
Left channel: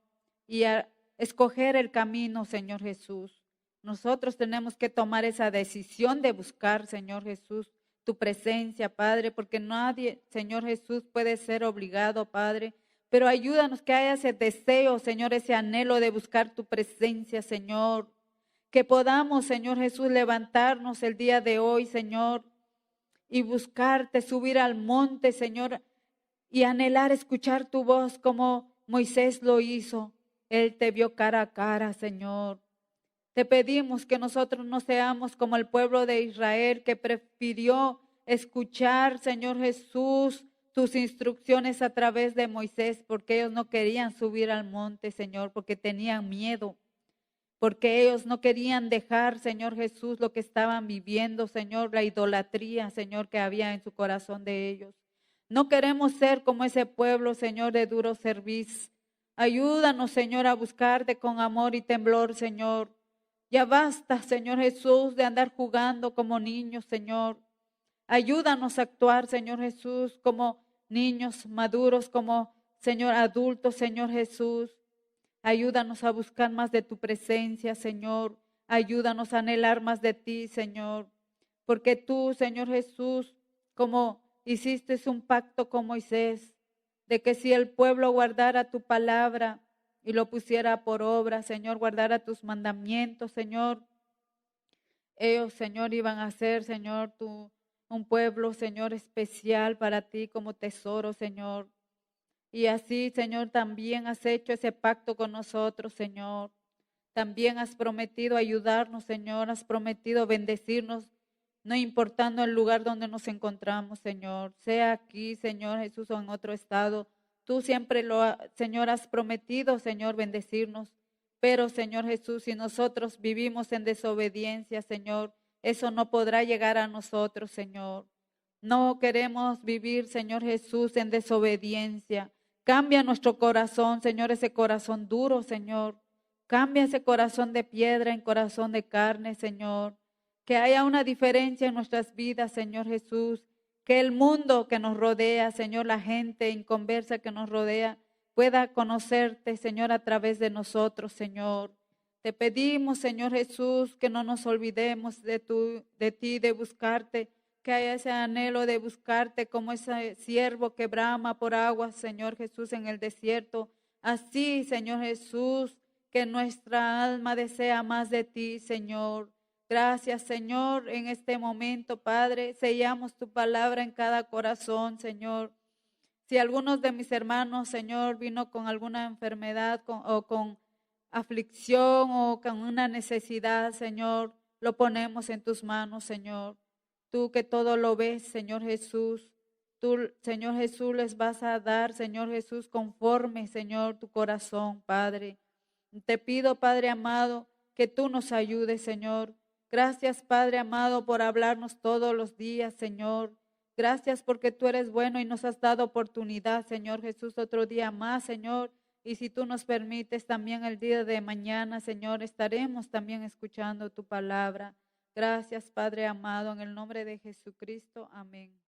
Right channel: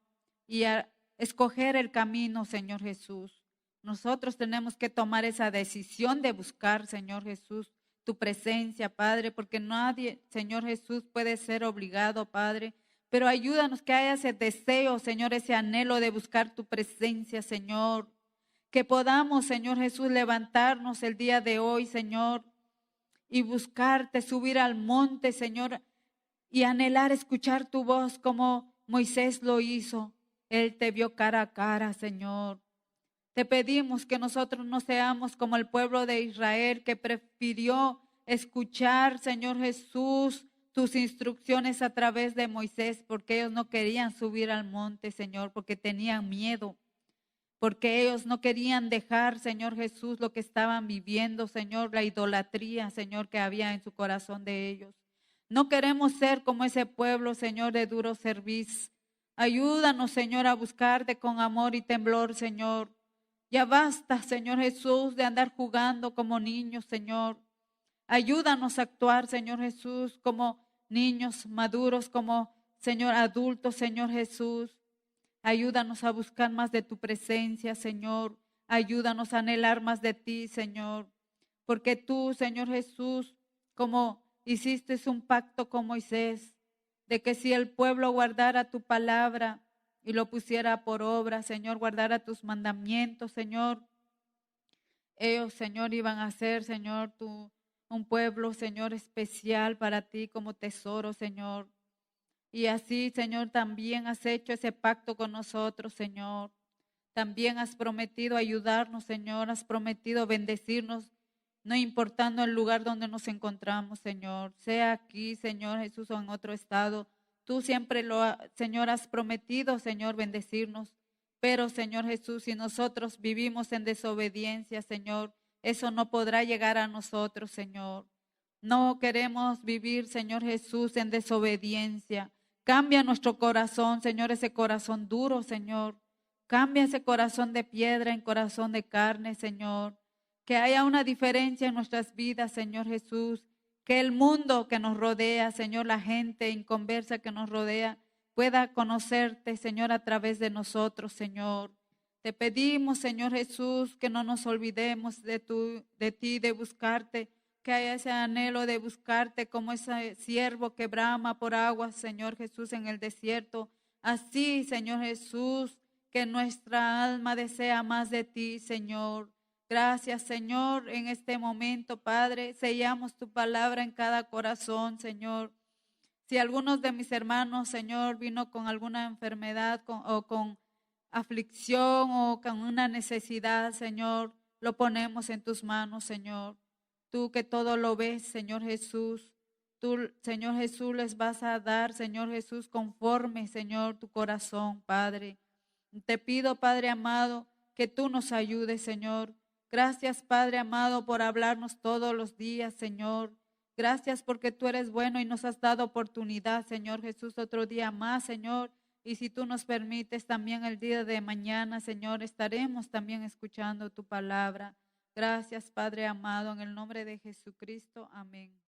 y a escoger el camino, Señor Jesús. Nosotros tenemos que tomar esa decisión de buscar, Señor Jesús, tu presencia, Padre, porque nadie, Señor Jesús, puede ser obligado, Padre. Pero ayúdanos que haya ese deseo, Señor, ese anhelo de buscar tu presencia, Señor. Que podamos, Señor Jesús, levantarnos el día de hoy, Señor, y buscarte, subir al monte, Señor, y anhelar escuchar tu voz como Moisés lo hizo. Él te vio cara a cara, Señor. Te pedimos que nosotros no seamos como el pueblo de Israel que prefirió escuchar, Señor Jesús, tus instrucciones a través de Moisés, porque ellos no querían subir al monte, Señor, porque tenían miedo, porque ellos no querían dejar, Señor Jesús, lo que estaban viviendo, Señor, la idolatría, Señor, que había en su corazón de ellos. No queremos ser como ese pueblo, Señor, de duro servicio. Ayúdanos, Señor, a buscarte con amor y temblor, Señor. Ya basta, Señor Jesús, de andar jugando como niños, Señor. Ayúdanos a actuar, Señor Jesús, como niños maduros, como, Señor, adultos, Señor Jesús. Ayúdanos a buscar más de tu presencia, Señor. Ayúdanos a anhelar más de ti, Señor. Porque tú, Señor Jesús, como hiciste un pacto con Moisés, de que si el pueblo guardara tu palabra y lo pusiera por obra, Señor, guardara tus mandamientos, Señor, ellos, Señor, iban a ser, Señor, un pueblo, Señor, especial para ti como tesoro, Señor. Y así, Señor, también has hecho ese pacto con nosotros, Señor. También has prometido ayudarnos, Señor. Has prometido bendecirnos, no importando el lugar donde nos encontramos, Señor. Sea aquí, Señor Jesús, o en otro estado. Tú siempre Señor, has prometido, Señor, bendecirnos. Pero, Señor Jesús, si nosotros vivimos en desobediencia, Señor, eso no podrá llegar a nosotros, Señor. No queremos vivir, Señor Jesús, en desobediencia. Cambia nuestro corazón, Señor, ese corazón duro, Señor. Cambia ese corazón de piedra en corazón de carne, Señor. Que haya una diferencia en nuestras vidas, Señor Jesús. Que el mundo que nos rodea, Señor, la gente inconversa que nos rodea, pueda conocerte, Señor, a través de nosotros, Señor. Te pedimos, Señor Jesús, que no nos olvidemos de ti, de buscarte, que haya ese anhelo de buscarte como ese siervo que brama por aguas, Señor Jesús, en el desierto. Así, Señor Jesús, que nuestra alma desea más de ti, Señor. Gracias, Señor, en este momento, Padre. Sellamos tu palabra en cada corazón, Señor. Si algunos de mis hermanos, Señor, vino con alguna enfermedad o con aflicción o con una necesidad, Señor, lo ponemos en tus manos, Señor. Tú que todo lo ves, Señor Jesús. Tú, Señor Jesús, les vas a dar, Señor Jesús, conforme, Señor, tu corazón, Padre. Te pido, Padre amado, que tú nos ayudes, Señor. Gracias, Padre amado, por hablarnos todos los días, Señor. Gracias porque tú eres bueno y nos has dado oportunidad, Señor Jesús, otro día más, Señor. Y si tú nos permites también el día de mañana, Señor, estaremos también escuchando tu palabra. Gracias, Padre amado, en el nombre de Jesucristo. Amén.